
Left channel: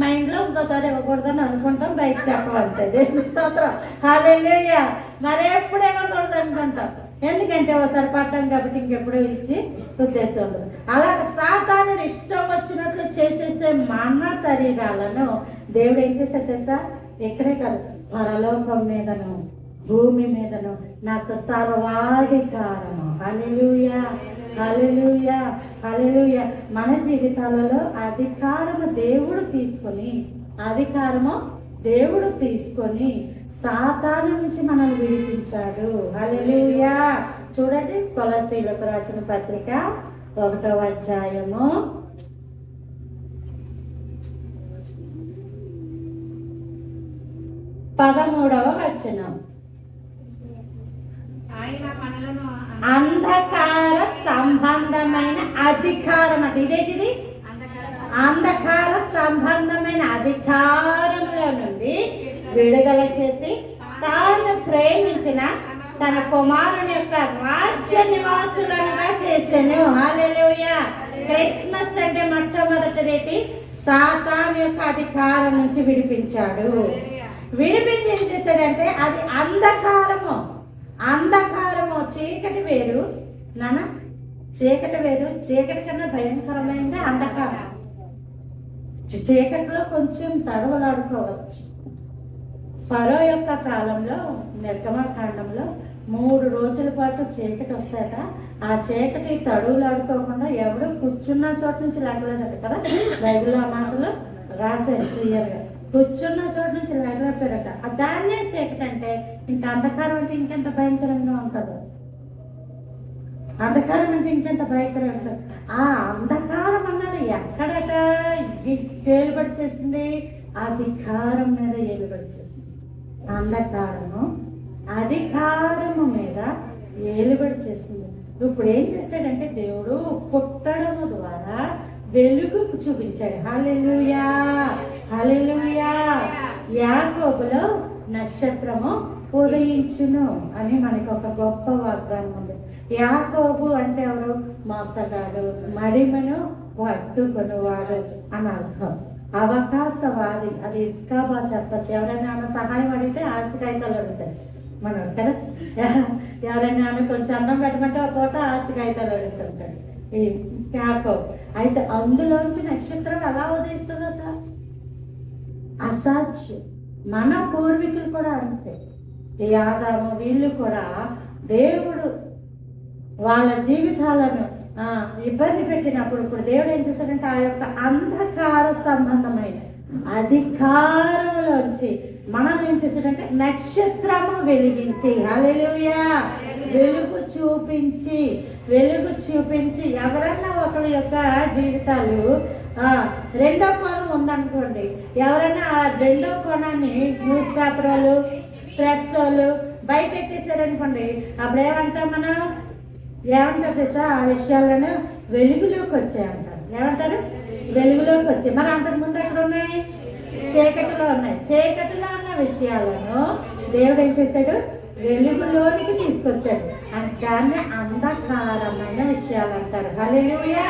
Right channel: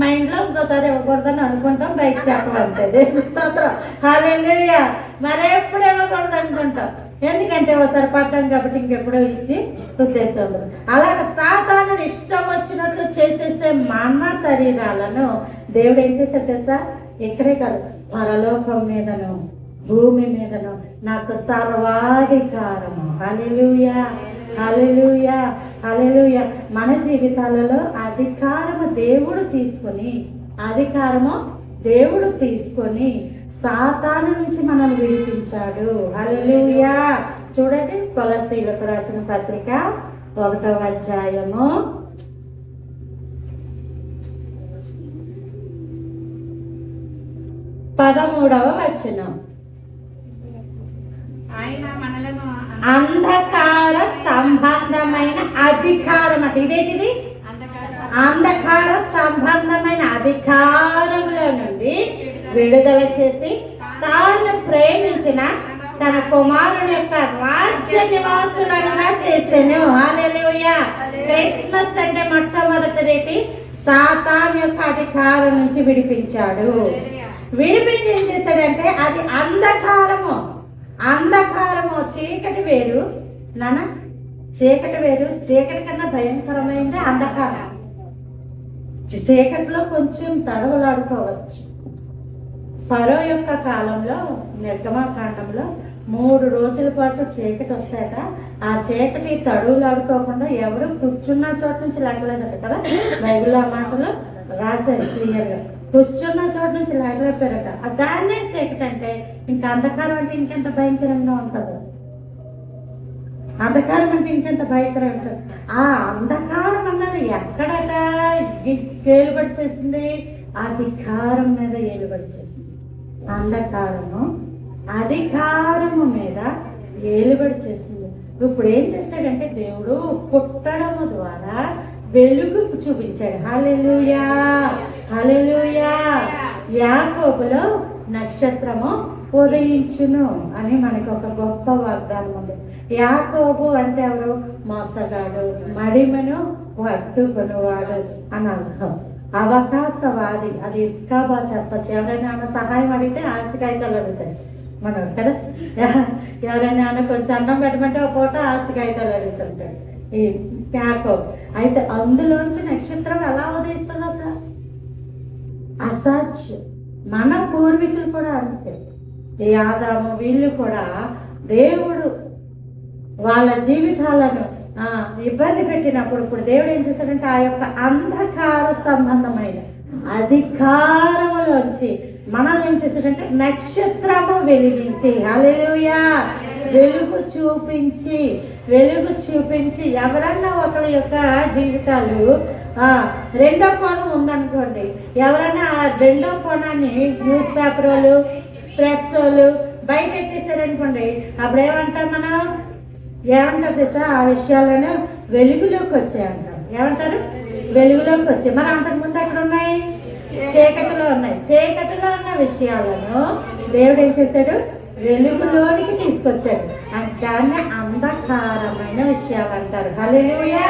మా ఇంట్లో ఇంకోసారి ఇవ్వకూడదని అనుకుంటాం, బయట చెప్పాలంటే దేవుని స్తోత్రం. హల్లెలూయా. మరి ఎప్పుడు ఇవ్వకూడదు అనుకుంటాం, ఎందుకంటే ఒకసారి పడ్డాం కాబట్టి ఇంకెప్పుడో ఇచ్చి ఉద్దేశం. అలాగే సాతానుడు ఇష్టం వచ్చినట్లు చేసేసే మన శరీరాలను దేవుడు ఏం చేశాడు తెలుసా? ఇక్కడే కాదు, పరలోకం మీదను భూమి మీదను నాకు సర్వాధికారము. హల్లెలూయా, హల్లెలూయా, హల్లెలూయా. మన జీవితాలలో అధికారము దేవుడు తీసుకొని సాతాను నుంచి మనల్ని విడిపించాడు. హల్లెలూయా. చూడండి, కొలస్సీయులకు రాసిన పత్రిక 1వ అధ్యాయము 13వ వచనం. ఆయన మనలను అంధకార సంబంధమైన అధికారం అంటే ఇదేంటిది? అంధకార సంబంధమైన అధికారముల నుండి విడుదల చేసి తాను ప్రేమించిన తన కుమారుని యొక్క రాజ్య నివాసులుగా చేసెను. హల్లెలూయా. క్రిస్మస్ అంటే మొట్టమొదటిది సాతాను యొక్క అధికారం నుంచి విడిపించాడు. విడిపించి ఏం చేశాడంటే అది అంధకారము. చీకటి వేరు నాన్న, చీకటి వేరు. చీకటి కన్నా భయంకరమైనది అంధకారం. చీకటిలో కొంచెం తడవలాడుకోవచ్చు. ఫరో యొక్క కాలంలో నిర్గమకాండంలో 3 రోజుల పాటు చీకటి వస్తాయట. ఆ చీకటి తడువులాడుకోకుండా ఎవడు కూర్చున్న చోట నుంచి లేకలేదట కదా, బైబిల్ ఆ మాటలో రాశారు క్లియర్గా. కూర్చున్న చోట నుంచి లేకలేపారట. దాన్నే చీకటి అంటే ఇంకా అంధకారం అంటే ఇంకెంత భయంకరంగా ఉంటుందో. అంధకారం అంటే ఇంకెంత భయంకరంగా ఉంటుంది. ఆ అంధకారం అన్నది ఎక్కడట ఏలుబడి చేసింది? అధికారం మీద ఏలుబడి చేసింది. అంధకారము అధికారము మీద ఏలుబడి చేసింది. ఇప్పుడు ఏం చేశాడంటే దేవుడు పుట్టడము ద్వారా వెలుగు చూపించాడు. హల్లెలూయా, హల్లెలూయా. యాకోబులో నక్షత్రము ఉదయించును అని మనకు ఒక గొప్ప వాగ్దానం ఉంది. యాకోబు అంటే ఎవరు? మోసగాడు, మడిమను పట్టుకొనువాడు అని అర్థం. అవకాశవాది, అది ఇంకా బాగా చెప్పచ్చు. ఎవరైనా ఆమె సహాయం అడిగితే ఆస్తి కాగితాలు అడుగుతాయి మనం కదా. ఎవరైనా ఆమె కొంచెం అన్నం పెట్టమంటే ఒక పూట ఆస్తి కాగితాలు అడుగుతుంటాడు ఈ యాకోబు. అయితే అందులోంచి నక్షత్రం ఎలా ఉదయిస్తుందట? అసాధ్యం. మన పూర్వీకులు కూడా అంతే. ఈ ఆదాము వీళ్ళు కూడా దేవుడు వాళ్ళ జీవితాలను ఇబ్బంది పెట్టినప్పుడు ఇప్పుడు దేవుడు ఏం చేశాడంటే ఆ యొక్క అంధకార సంబంధమైన అధికారములోంచి మనం ఏం చేశాడంటే నక్షత్రము వెలిగించి, హల్లెలూయా, వెలుగు చూపించి ఎవరన్నా ఒకరి యొక్క జీవితాలు రెండో కోణం ఉందనుకోండి, ఎవరైనా ఆ రెండో కోణాన్ని న్యూస్ పేపర్ వాళ్ళు, ప్రెస్ వాళ్ళు బయట ఎట్టేశారనుకోండి, అప్పుడు ఏమంటాం మనం? ఏమంటారు తెలుసా? ఆ విషయాలను వెలుగులోకి వచ్చాయంటారు. ఏమంటారు? వెలుగులోకి వచ్చాయి. మరి అంతకుముందు ఎక్కడ ఉన్నాయి? చీకటిలో ఉన్నాయి. చీకటిలో ఉన్న విషయాలను దేవుడు ఏం చేశాడు? వెలుగులోనికి తీసుకొచ్చాడు. దాన్ని అంధకారమైన విషయాలు అంటారు. హల్లెలూయా.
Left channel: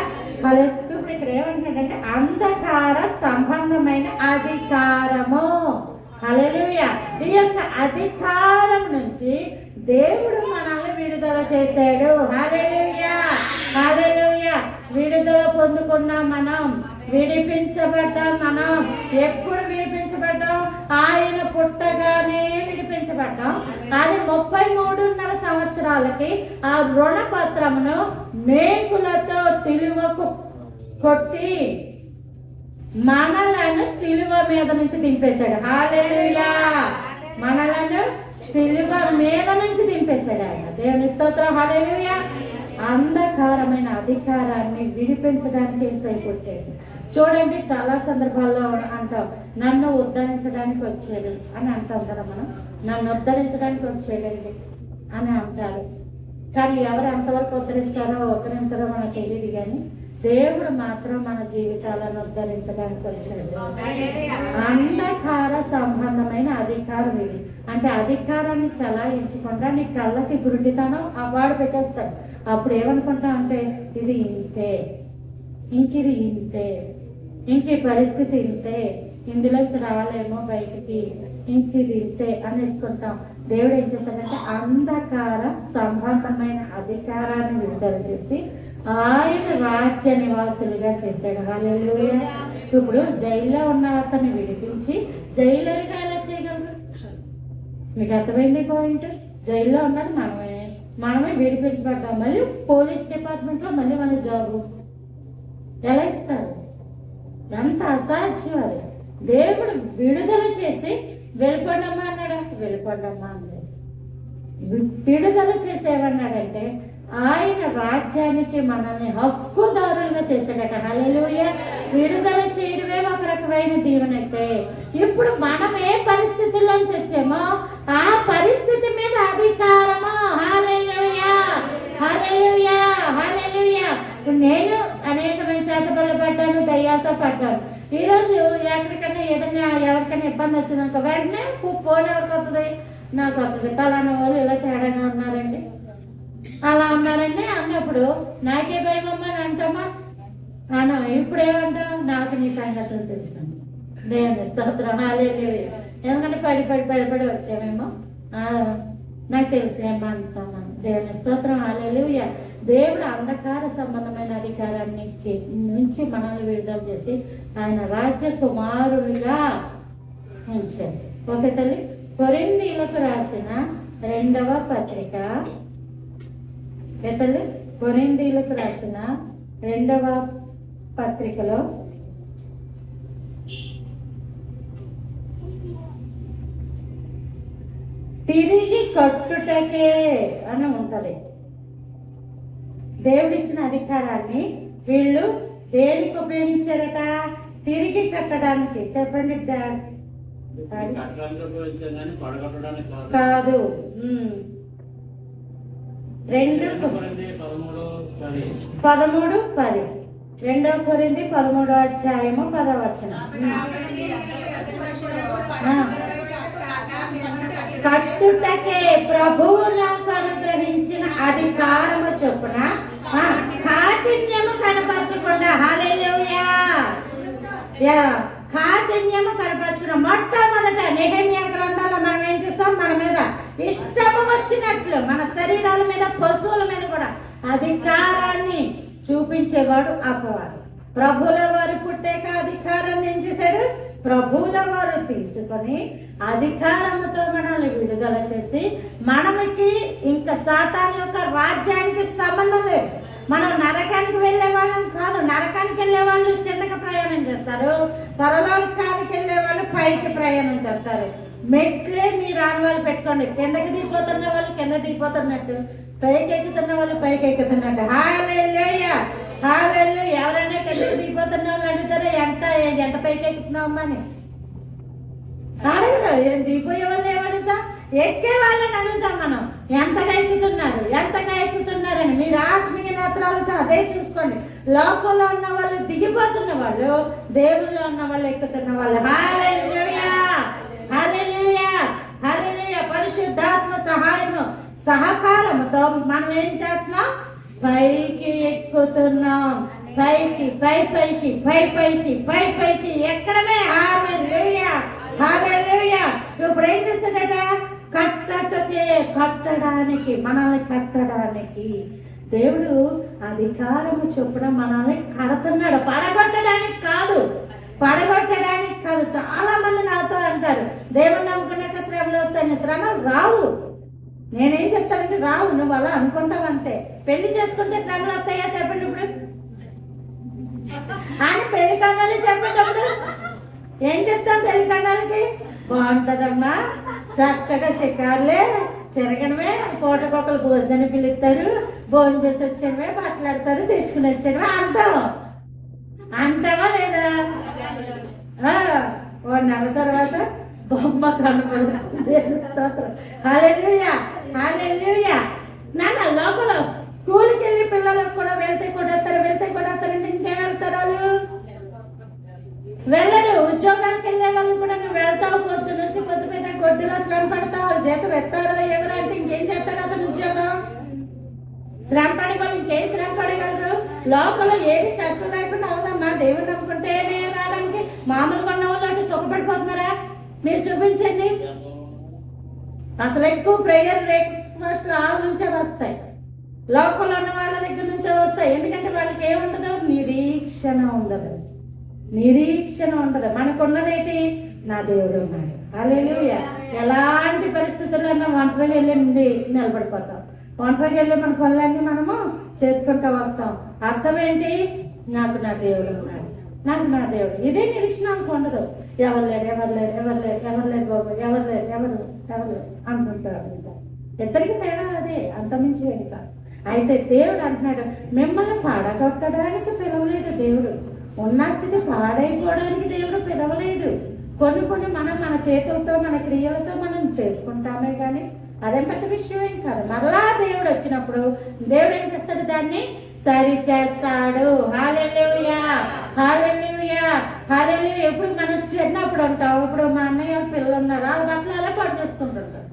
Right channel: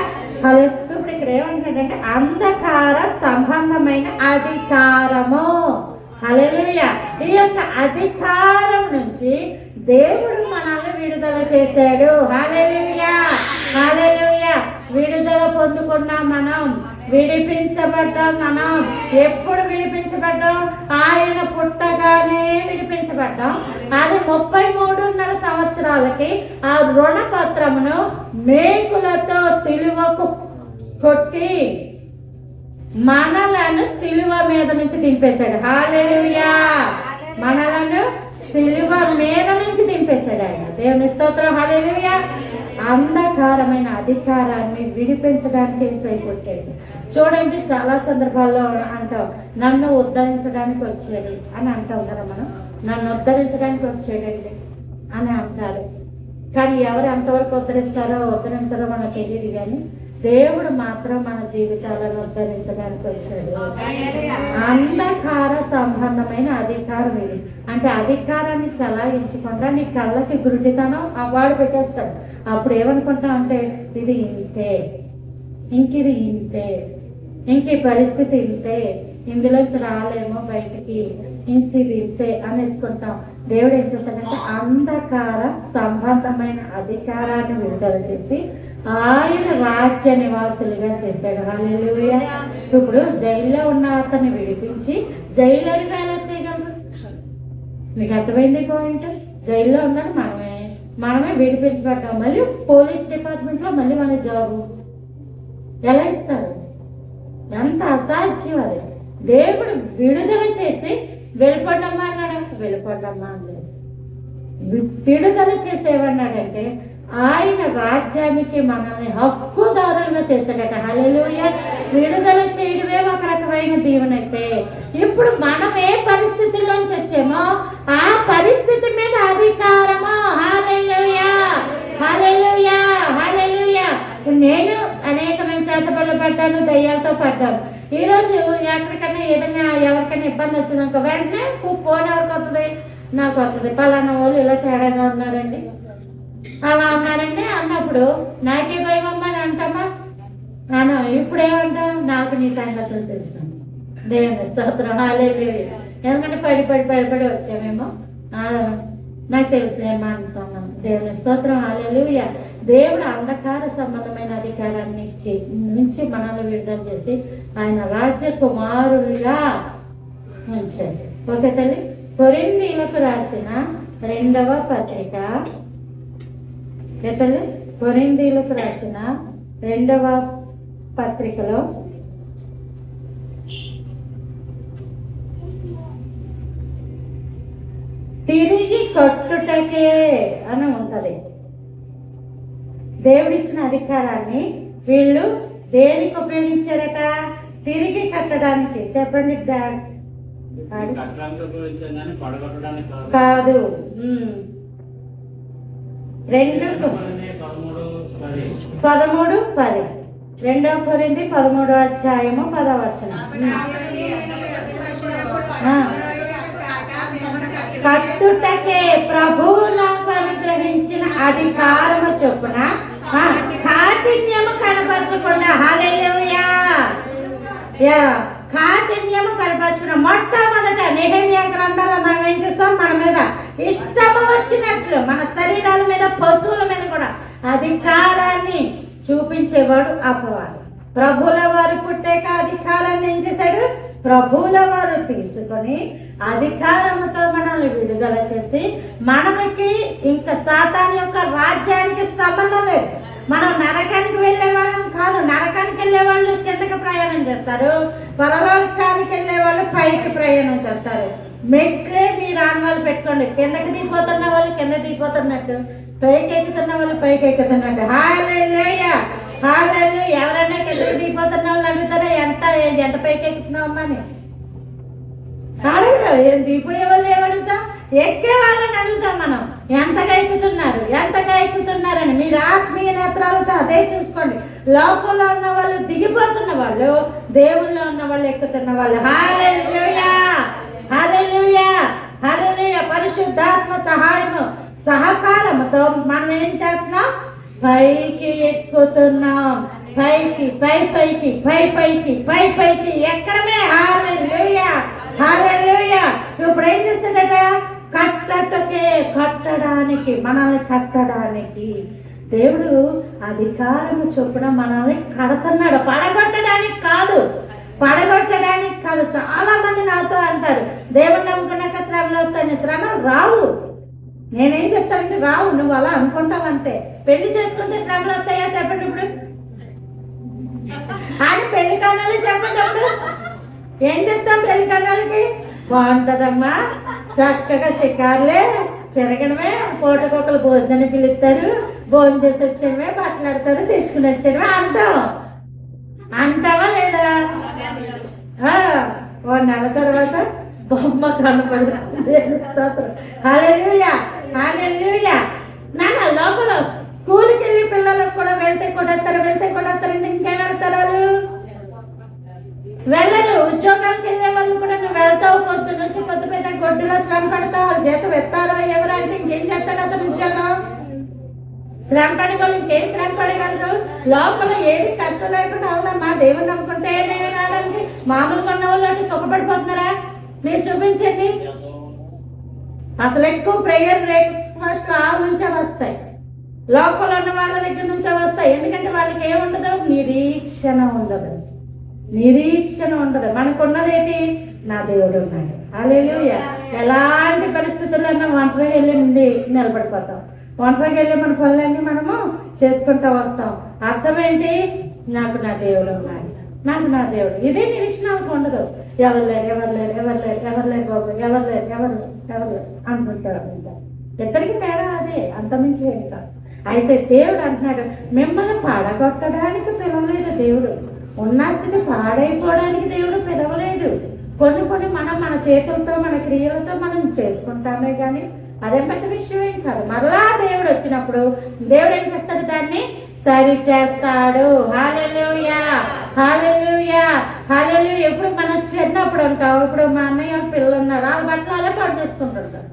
ఇప్పుడు ఇక్కడ ఏమంటాడంటే అంధకార సంబంధమైన అధికారము. హల్లెలూయా. ఈ యొక్క అధికారం నుంచి దేవుడు మనల్ని విడుదల చేశాడు. హల్లెలూయా, హల్లెలూయా. విడుదల పొందుకున్నాం మనం, విడిపించబడ్డాం మనం. ఎప్పుడు విడిపించబడ్డాం? ఆయన పుట్టగానే విడిపించబడ్డాం. అది 33.5 సంవత్సరాలకి ఆ రుణ పత్రమును మేకులతో సిలువకు కొట్టి మనలను సిలువ మీద నుంచి దింపేశాడు. హల్లెలూయా. మనలను సిలువ మీద నుంచి దింపేశాడు ఆయన. దేవుని స్తోత్రం. హల్లెలూయా. అంధకారమైన అధికారాన్ని విడిపించడానికి యేసయ్య పుట్టాడు. చూడండి, చాలా సందర్భాల్లో అంటాం నన్ను ఉద్ధరించడానికి వచ్చాడు అని అంటాం కదా మనం. నన్ను ఉద్ధరించడానికి వచ్చాడండి అని అంటారు. కానీ ఎవరు అంతవరకు ఉద్ధరించారో మనకు తెలియదు. కానీ దేవుడు మాత్రం మన జీవితాలను ఉద్ధరించడానికి వచ్చాడు. అంధకార సంబంధమైన అధికారం ఇది. అంటే అధికారాన్ని చలాయించకుండా నీ కళ్ళకి గురుడితనం అవార్డు పెట్టేస్తాడు. అప్పుడు ఏమనుకుంటాం అంటే ఇది ఇంతే, ఇంకిది ఇంతే, ఇంక ఈ పరిస్థితి ఇంతే, ఇందులోంచి రాలేమో బయటికి, ఇంకిది ఇంతే అనేసుకుంటాం. దేవుడు ఏం చేశాడంటే అంధకార సంబంధమైన అధికారాన్ని విడుదల చేసి ఆయన రాజ్య నివాసులుగా చేశాడు. హల్లెలూయా. ఇప్పుడు జైల్లో ఉన్న అతన్ని విడిపించి జైలర్గా ఎలా చేయగలరు? మీకు అర్థమైంది పాయింట్? జైల్లో ఉన్నది మనమే విడిపించబడ్డాం. మళ్ళీ పోలీస్ డిపార్ట్మెంట్లో మళ్ళీ మన జాబు ఎలా ఇస్తారు? ఎంత అసాధ్యం అది. దేవుడు విడుదల చేసి వెళ్ళిపోండమ్మా అన్నాడు, వెళ్ళిపోండమ్మా అన్నాడు. విడుదల చేసేవన్నాడంటే ఆయన రాజ్యానికి మనల్ని హక్కుదారులుగా చేశాడట. హల్లెలూయా. విడుదల చేయడమే ఒక రకమైన దీవెన అయితే, ఇప్పుడు మనం ఏ పరిస్థితిలోంచి వచ్చామో ఆ పరిస్థితి మీద అధికారము. హల్లెలూయా, హల్లెలూయా, హల్లెలూయా. ఇప్పుడు నేను అనేకమైన చేతబడులు పడ్డాను, దయ్యాలతో పడ్డాను. ఈరోజు ఎక్కడికైనా ఏదైనా ఎవరికైనా ఇబ్బంది వచ్చిందనుకో వెంటనే ఫోన్ ఎవరికి వస్తుంది? నాకు వస్తుంది. పలానా వాళ్ళు ఇలా తేడాగా ఉన్నారండి, అలా ఉన్నారండి అన్నప్పుడు నాకే భయం అమ్మా అని అంటామా? అన్నా. ఇప్పుడు ఏమంటాం? నాకు నీ సంగతులు తెలుసు. దేవుని స్తోత్రం. హల్లెలూయా. ఎందుకంటే పడి వచ్చామేమో, నాకు తెలుసులేమో అంటున్నాం. దేవుని స్తోత్రం. హల్లెలూయా. దేవుడు అంధకార సంబంధమైన అధికారాన్ని నుంచి మనల్ని విడుదల చేసి ఆయన రాజ్య కుమారులుగా ఉంచాడు. ఓకే తల్లి. కొరింథీయులకు రాసిన 2వ పత్రిక, తల్లి కొరింథీయులకు రాసిన 2వ పత్రికలో తిరిగి కట్టుటకే అని ఉంటది. దేవుడిచ్చిన అధికారాన్ని వీళ్ళు దేనికి ఉపయోగించారట? తిరిగి కట్టడానికి. చెప్పండి. కాదు. 2:13-10 2 కొరింథీ 13వ అధ్యాయము 10వ వచనం. కట్టుటకే ప్రభువు నాకు అనుగ్రహించిన అధికారము చొప్పున కాఠిన్యము కనపరచకుండా. హల్లెలూయా. కాఠిన్యము కనపరచకుండా మొట్టమొదట నెహెమ్యా గ్రంథాలు మనం ఏం చూస్తాం? మన మీద ఇష్టము వచ్చినట్లు మన శరీరాల మీద, పశువుల మీద కూడా అధికారాన్ని చూపించేవాడు అపవాది. ప్రభువుల వారు పుట్టాక అధికారాన్ని ఏం చేశాడు? ప్రభువుల వారు తీసుకొని అధికారముతో మనల్ని విడుదల చేసి మనకి ఇంకా సాతాను యొక్క రాజ్యానికి సంబంధం లేదు. మనం నరకానికి వెళ్ళే వాళ్ళం కాదు. నరకానికి వెళ్ళే వాళ్ళు కిందకి ప్రయాణం చేస్తారు, పరలోకానికి వెళ్ళే వాళ్ళు పైకి ప్రయాణం చేస్తారు. మెట్లే మీరు ఆనవాళ్ళు పెట్టుకోండి. కిందకి దిగిపోతున్న వాళ్ళు కింద దిగిపోతున్నట్టు, పైకి ఎక్కుతున్న వాళ్ళు పైకి ఎక్కుతున్నట్టు. హల్లెలూయా, హల్లెలూయా. ఎవరైనా కిందకి దిగిపోతున్న వాళ్ళు అడుగుతారా ఎంత పైకి ఎక్కుతున్నావమ్మా అని? అడుగుతాం. దిగిపోయే వాళ్ళు ఏమడుగుతాం? ఎక్కే వాళ్ళని అడుగుతాం మనం. ఎంతగా ఎక్కుతున్నారని. మీరు ఆత్మీయ నేత్రాలతో అదే చూసుకోండి. లోకంలో ఉన్న వాళ్ళు దిగిపోతున్న వాళ్ళు, దేవుల్లో ఉన్న వాళ్ళు ఎక్కుతున్న వాళ్ళు. హల్లెలూయా, హల్లెలూయా, హల్లెలూయా. పరిశుద్ధాత్మ సహాయము సహకారముతో మనం ఏం చేస్తున్నాం? పైకి ఎక్కుతున్నాం. పైకి పైకి ఎక్కడమే. హల్లెలూయా, హల్లెలూయా. ఇప్పుడు ఏం చేస్తాడట? కట్టడానికి, మనల్ని కట్టడానికి దేవుడు అధికారము చొప్పున మనల్ని కడుతున్నాడు. పడగొట్టడానికి కాదు. చాలా మంది నాతో అంటారు, దేవుడు నమ్ముకున్నాక శ్రమలు వస్తాయని. శ్రమలు రావు. నేనేం చెప్తానంటే రావు. నువ్వు అలా అనుకుంటావు అంతే. పెళ్లి చేసుకుంటే శ్రమలు వస్తాయా? చెప్పండి ఇప్పుడు. అని పెళ్లి కన్నాలి చెప్పండి. అప్పుడు ఏం చెప్తాం? పెళ్లి కన్నాలకి బాగుంటదమ్మా, చక్కగా షికారులే తిరగడమే, పూటకొకరు భోజనాన్ని పిలుస్తారు, భోజనం చేసి వచ్చేయడమే, మాట్లాడతారు, తెచ్చుకుని వచ్చేయడమే అంటావా లేదా? 1 నెల తర్వాత బొమ్మ కనపడుతుంది. హల్లెలూయా, హల్లెలూయా. నాన్న లోపల స్కూల్కి వెళ్ళి పిల్లలకు కూడా వెళ్తే కొడేస్తారంటే ఇంకేం వెళ్తారు వాళ్ళు? వెళ్ళరు. ఉద్యోగానికి వెళ్ళే వాళ్ళు కూడా నువ్వు వెళ్తావు, పొద్దు నుంచి పొద్దుపోయిన గొడ్డులో శ్రమ పడతావు, వాళ్ళు జీతం ఎత్తారు ఎవరు అంటే ఇంకేం చేస్తాడు అతను ఉద్యోగం? శ్రమ పడే వాళ్ళు ఇంకేం శ్రమ పడగలరు? లోపల ఏది కష్టం లేకుండా అవుదమ్మా. దేవుని నమ్ముకుంటేనే రావడానికి మామూలుగా ఉన్న వాళ్ళు అంటే సుఖపడిపోతున్నారా? మీరు చూపించండి. అసలు ఎక్కువ ప్రేయర్ బ్రేక్ఫాస్ట్ ఆ నుంచే వస్తాయి, లోపల ఉన్న వాళ్ళ దగ్గర నుంచే వస్తాయి. ఎందుకంటే వాళ్ళకి ఏముండదు? నిరీక్షణ ఉండదు. మనకున్నదేంటి? నా దేవుడు ఉన్నాడు. హల్లెలూయా. ఎలాంటి పరిస్థితుల్లో ఒంటరిగా వెళ్ళి నుండి నిలబడిపోతాం. ఒంటరిగా వెళ్ళి మన పనులన్నీ మనము చేసుకుంటూ వస్తాం. అర్థం ఏంటి? నాకు నా దేవుడు ఉన్నాడు, నాకు నా దేవుడు. ఇదే నిరీక్షణ ఆమెకు ఉండదు. ఎవరు లేరు, ఎవరు లేరు, ఎవరు లేరు, ఎవరు లేరు బాబు, ఎవరు లేరు, ఎవరు లేరు, ఎవరు లేరు అంటుంటారు. ఇద్దరికి తేడా అదే, అంతమించి ఏం కాదు. అయితే దేవుడు అంటున్నాడు, మిమ్మల్ని పాడగొట్టడానికి పిలవలేదు దేవుడు, ఉన్న స్థితి పాడైపోవడానికి దేవుడు పిలవలేదు. కొన్ని మన చేతులతో మన క్రియలతో మనం చేసుకుంటామే కానీ అదేం పెద్ద విషయం ఏం కాదు. మరలా దేవుడు వచ్చినప్పుడు దేవుడు ఏం చేస్తాడు, దాన్ని సరి చేస్తాడు. హల్లెలూయా, హల్లెలూయా, హల్లెలూయా. ఎప్పుడు మనం చిన్నప్పుడు అంటావు, ఇప్పుడు మా అన్నయ్య పిల్లలు ఉన్నారు, వాళ్ళ బట్టలు అలా పాడు చేసుకుంటుంటారు.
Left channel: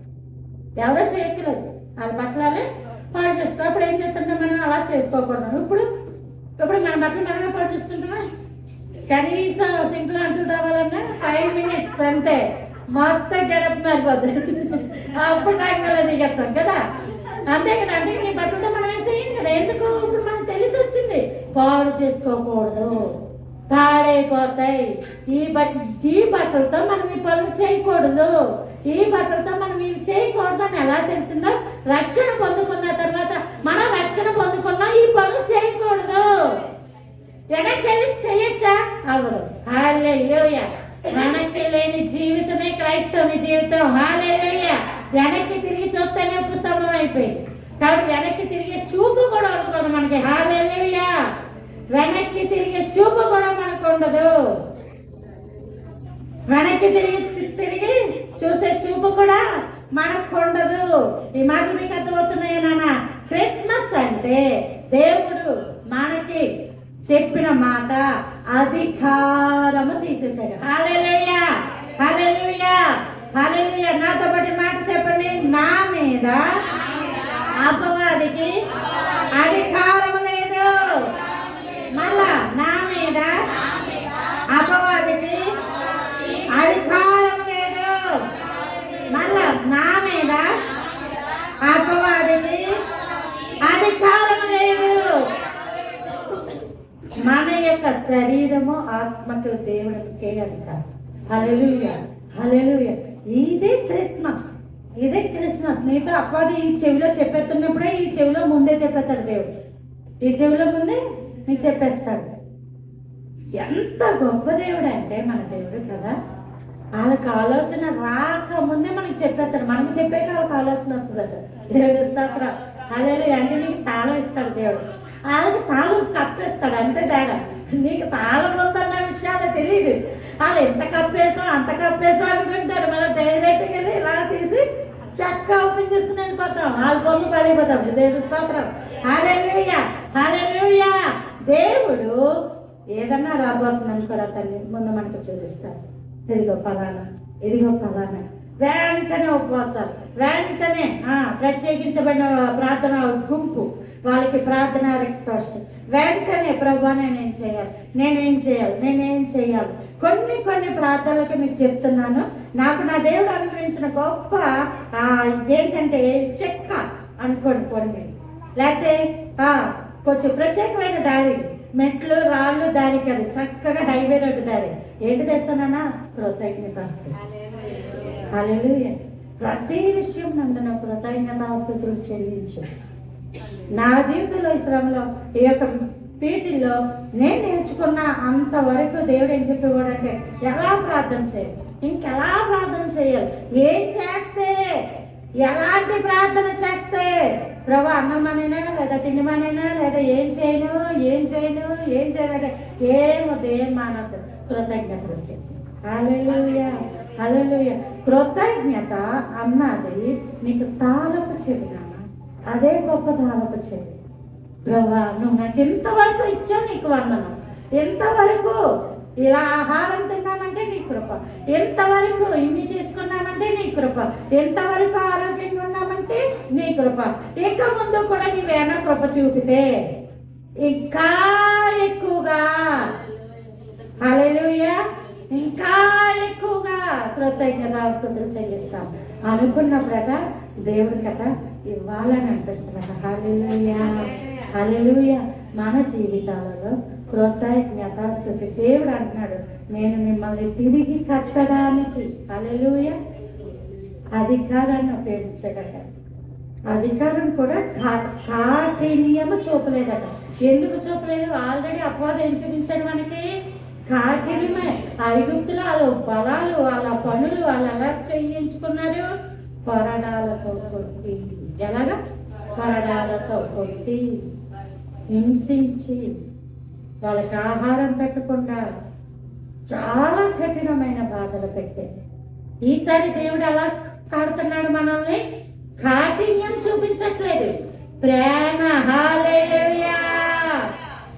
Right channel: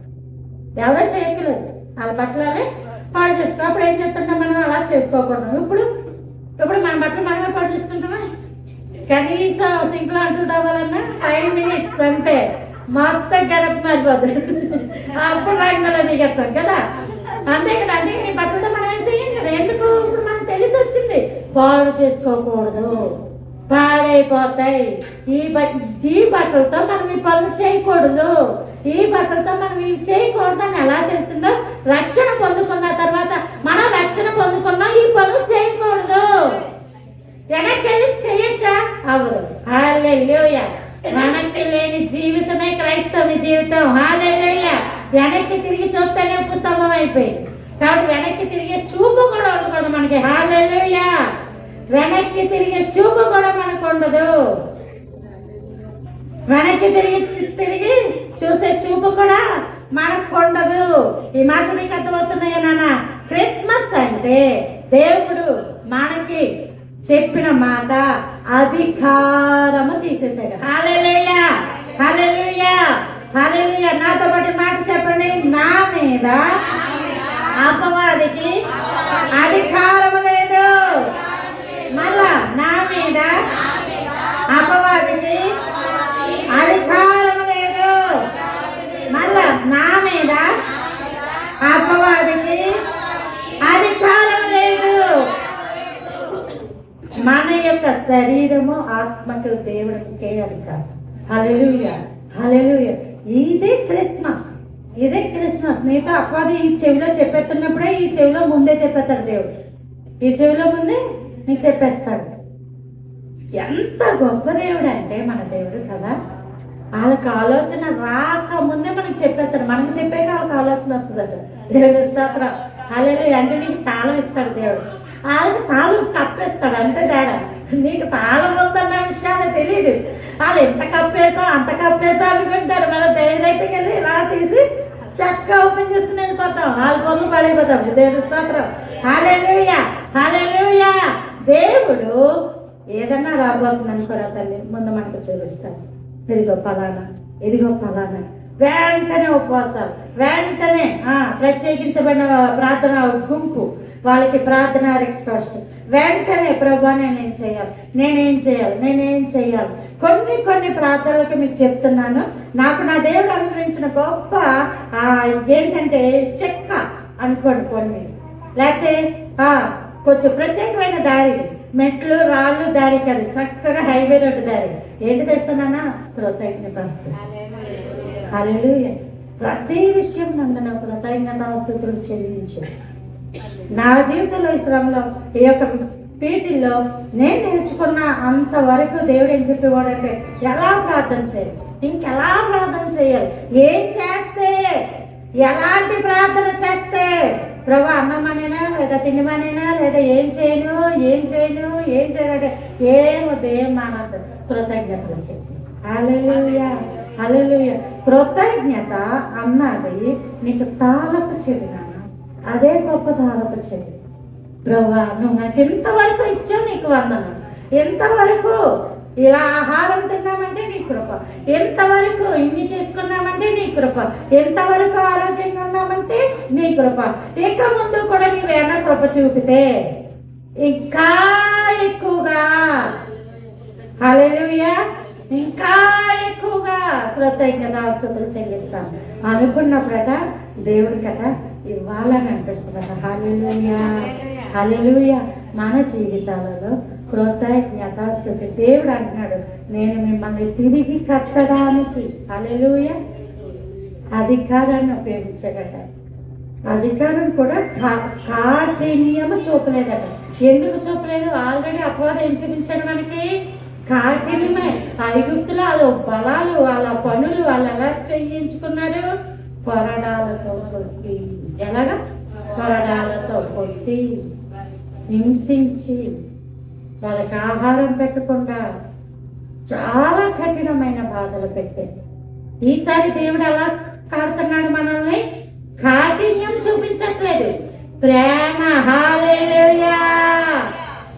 ఎవరో చేయట్లేదు, వాళ్ళ బట్టలు అలా పాడు చేసుకో. అప్పుడు ఏం చేస్తుంటాం, మనం అలా చేసుకోకూడదు. ఇప్పుడు మన బట్టలు మనమే పాడు చేసుకుంటామా? కనీసం సింక్లో అంటూ రావాలన్నా 5 minutes అంతే, మొత్తం గడప మారిపోతుంది. అప్పుడు రంగంలో దిగేస్తాం కదా, అంతే కదా. అందుకే నీ బట్టలతో మనం ఏం చెయ్యం కదా. ఎందుకు? ఇప్పుడు మనం తెలిసి వచ్చింది, పాడు చేసుకోకూడదు, పాడైపోతాయి. ఈ బట్టలతో మనం ఈ పనులు చేయకూడదు, ఈ బట్టలతో మనం ఇవి చేయకూడదు అని ఎలా తెలిసిందో, రక్షణ పొందుకున్న తర్వాత మనం రక్షణ పొందుకున్నాం, ఈ పనులు చేయకూడదు. వెనక్కి చేయొచ్చా? అవును. హల్లెలూయా. వెనక్కి లేని జీవితమే క్రైస్తవుని జీవితం. హల్లెలూయా. వెనక్కి తిరిగి చూస్తేనే ఉత్తమం అయిపోయింది. కాబట్టి వెనక్కి తిరిగే చూపు కూడా ఉండకూడదు మనకి. హల్లెలూయా. వెనక్కి తిరిగే చూపు కూడా మనకు ఉండదు. వెనక్కి తిరిగి చూసే చూపు కూడా మనకు ఉండదు. ఈ మాట మీకు అర్థమవుతున్నాయా నాన్న? క్రిస్మస్ అంటే దేవుడు మనకి చెప్పిన మాట అధికారము తీసేసాడు. హల్లెలూయా, హల్లెలూయా, హల్లెలూయా. నాతో పాటు మాట చెప్పండి, నా మీద అపవాదికి అధికారం లేదు. మళ్ళా, నా మీద అపవాదికి అధికారం లేదు. మళ్ళా, నా మీద అపవాదికి అధికారం లేదు. మన యొక్క శరీరము ఆత్మకు దేవుడికి అధికారం. హల్లెలూయా, హల్లెలూయా. ఇదే క్రిస్మస్, ఇదే క్రిస్మస్. నీతో అపవాది ఈ చెవిలో చెప్పేస్తున్నప్పుడే ఈ చెవిలో ముందే చెప్పేస్తాడు దేవుడు. ఈ చెవిలో ముందే నీకు చెప్పేస్తాడు. ఎంత గొప్ప దేవుడు అంటే మన దేవుడు కదా. వాళ్ళకి ఆలోచన రాకముందే మనకి చెప్పేస్తాడు. మనకి చెప్పాక వాళ్ళకి ఆలోచన వస్తుందట. దేవుడు స్తోత్రం. హల్లెలూయా. అంటే నీకు తాళం ఇస్తాడు దేవుడు, వాళ్ళకి తాళం కప్పేస్తాడు. అంతే తేడా. నీకు తాళం ఉందన్న విషయాలు తెలియదు. వాళ్ళు ఎంత కప్పేసా అంత కప్పేసా అనుకుంటారు. మనం డైరెక్ట్గా వెళ్ళి ఇలా తీసి చక్కగా ఓపెన్ చేసుకుని వెళ్ళిపోతాం. వాళ్ళ పొంగు పడిపోతాం. దేవుడు స్తోత్రం. హల్లెలూయా, హల్లెలూయా. దేవుడు ఏదన్నా రాబోతుంది అనుకోరా తల్లి, ముందు మనకు చూపిస్తారు. ఇదిగో ఫలానా, ఇదిగో ఫలానా. వెంటనే ఉపవాసాలు, వెంటనే ప్రత్యేకించబడిన ప్రార్థన గుంపు, వాళ్ళకి ప్రార్థన రిక్వెస్ట్. వెంటనే ప్రభా నేనేం చేయాలి, నేనేం చేయాలి, నేనేం చేయాలి. కొన్ని ప్రార్థనలకి మీకు చెప్తున్నాను. నాకు నా దేవుడు అనుగ్రహించిన గొప్ప ఏంటంటే చెక్క అనుకోండి. కొన్ని లేకపోతే కొంచెం ప్రత్యేకమైన దారి, మెట్లు రాళ్ళు దారి కాదు, చక్కగా హైవే రోడ్డు దారి. ఏంటి తెస్తానా? కృతజ్ఞతాస్తుతులు. హల్లెలూయా. ప్రతి విషయం నందున కృతజ్ఞతాస్తుతులు చెల్లించు. నా జీవితంలో ఈ శ్రమలో ఈ యొక్క పీటిల్లో నేను నేర్చుకున్న అంతవరకు దేవుడు ఏం చెప్పేవాడంటే, ఎలా ప్రార్థన చేయాలి, ఇంకెలా ప్రార్థన చేయాలి, ఏం చేస్తే, ఎలాంటి ప్రార్థన చేస్తే, ప్రభు అన్నమనేనా లేదా తినమనేనా లేదా ఏం చేయను అంటే ఏమొద్దు, ఏం మానసు, కృతజ్ఞతలు చెప్పి. హల్లెలూయా, హల్లెలూయా. కృతజ్ఞత అన్నది నీకు తాళపు చెవినా, అదే గొప్ప తాళపు చెవి. ప్రభా నువ్వు నాకు ఎంతవరకు ఇచ్చావు, నీకు వందనం. ఎంతవరకు ఇలా ఆహారం తిన్నామంటే నీ కృప, ఎంతవరకు ఇన్ని చేసుకున్నామంటే నీ కృప, ఎంతవరకు ఆరోగ్యంగా ఉన్నామంటే నీ కృప. ఇక ముందు కూడా నీవేనా కృప చూపితే ఇంకా ఎక్కువగా, హల్లెలూయా, ఇంకా ఎక్కువగా కృతజ్ఞతాస్తుతులు చెల్లిస్తాం అనుకున్నప్పుడట దేవుడి కట ఇవ్వాలని అనిపిస్తుందట. హల్లెలూయా, హల్లెలూయా. మన జీవితాలలో కృతజ్ఞతాస్తుతి. దేవుడు అంటున్నాడు, నేను మిమ్మల్ని తిరిగి కట్టడానికి హల్లెలూయా అధికారాన్ని ఉపయోగించగట. అధికారం కూడా కాఠిన్యము చూపలేదట. ఎందుకు చూపలేదు? ఆల్రెడీ అపవాదం ఏం చూపించాడు మనకి? కాఠిన్యమే. ఐగుప్తులు వాళ్ళ బలాలు, వాళ్ళ పనులు వాళ్ళు ఎలా చేయించుకున్నారు? కొరడాలతో కొట్టి. ఎలాగా? కొరడాలతో కొట్టి హింసించి వాళ్ళకి ఆహారం పెట్టకుండా చాలా కఠినమైన బాధలు పెట్టారు. ఈసారి దేవుడు ఎలా కాడుతున్నాడు మనల్ని? కాఠిన్యం చూపించట్లేదు, ప్రేమ. హల్లెలూయా!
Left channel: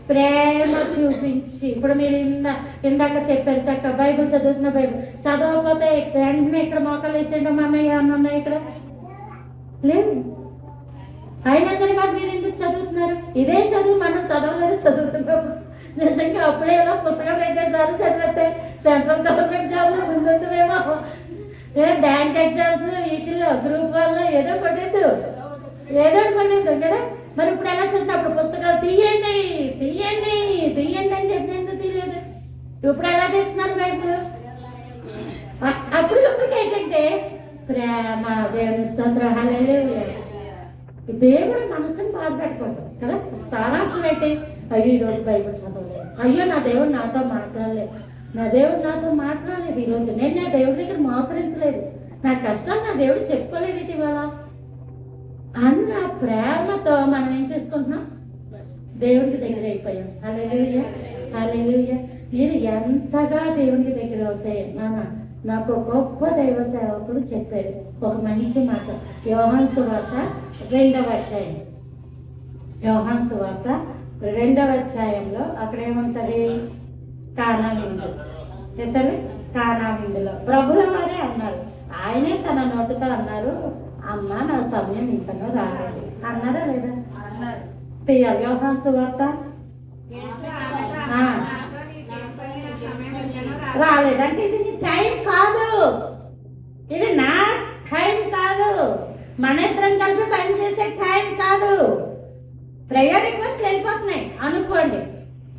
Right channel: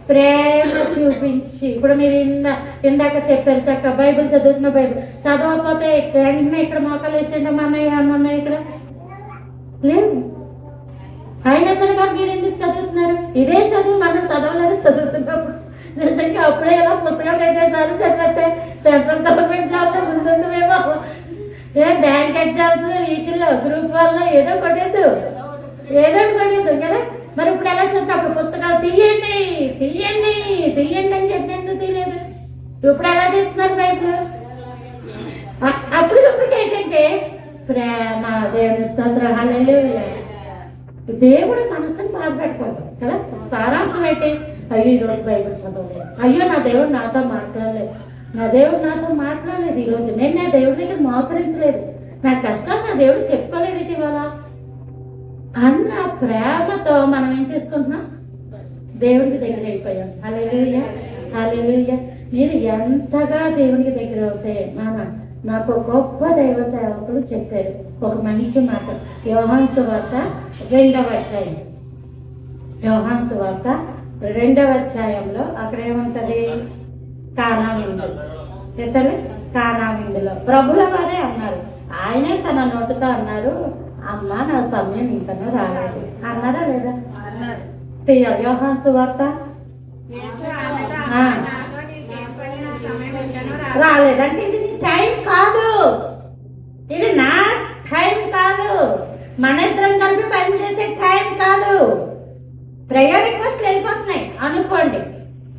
ప్రేమ చూపించి. ఇప్పుడు మీరు ఇందాక చెప్పారు చక్క బైబిల్ చదువుతున్న బైబిల్ చదవకపోతే వెంటనే ఇక్కడ మోకాలు వేసేయండి అన్నయ్య అన్నయ్య ఇక్కడ లేదు. అయినా సరే మరి మీరు ఎందుకు చదువుతున్నారు? ఇదే చదువు మనం చదవలేదు, చదువుతున్నప్పుడు నిజంగా అప్పుడే ఎలా పుస్తకం పెట్టేసారు చదివితే సెంట్రల్ గవర్నమెంట్ జాబ్లో ముందు మేము బ్యాంక్ ఎగ్జామ్స్ వీటిల్లో గ్రూప్ వల్ల ఏదో కొట్టద్దు కదా. మరి ఇప్పుడు ఎలా చదువుతా? అప్పుడు పుస్తకాలు తీయండి తీయండి తీయండి అని చెప్పి ఎందుకు తీయలేదు? ఇప్పుడు ఎలా చేస్తున్నారు బైబిల్? అప్పుడు ఏంటంటే ప్రేమ. దేవుని స్తోత్రం. హల్లెలూయా! దేవుడు మనసుని బాధపెట్టుకోవడం కదా. సారాంశం అయితే అయ్యో ఈరోజు బైబిల్ చదవలేదు, అయ్యో నా దేవుడు నాతో మాట్లాడలేదు, నా దేవుడు నాతో మాట్లాడలేదు ఈరోజు, నేను నా దేవుడి దగ్గర మోకరించలేదు, నా కష్టం నా దేవుడు చెప్పుకోలేదు ఇటీవల అన్న ప్రేమతో మనం ఏం చేసుకుంటున్నాం? దేవుడికి దగ్గర అయిపోయాం. హల్లెలూయా! హల్లెలూయా! మీరు ఎంతగా దేవుడికి దగ్గర అవుతే నాకు గొప్ప దైవ సేవకులు చెప్పారు ఒక మంచి మాట. యోహాను సువార్త 2వ అధ్యాయం. యోహాను సువార్త 2వ అధ్యాయంలో అక్కడ ఏముంటది? కానా విందు. ఎంతది? కానా విందులో ప్రభుల వారే అన్నారు. ఆయనే తన నోటితో అన్నారు, అమ్మ నా సమయం ఇంతనో రాలేదు అన్నారా లేదా? తీయాలి. యోహాను సువార్త రాలేదంటే ఇది నీ టైం కాదు, ఇది నా టైం కాదు, మన ఇద్దరం కలిపి పని చేసే టైం కాదు. ప్రేయర్ రిక్వెస్ట్లు వెళ్ళిపోతున్నాయి అనుకోండి.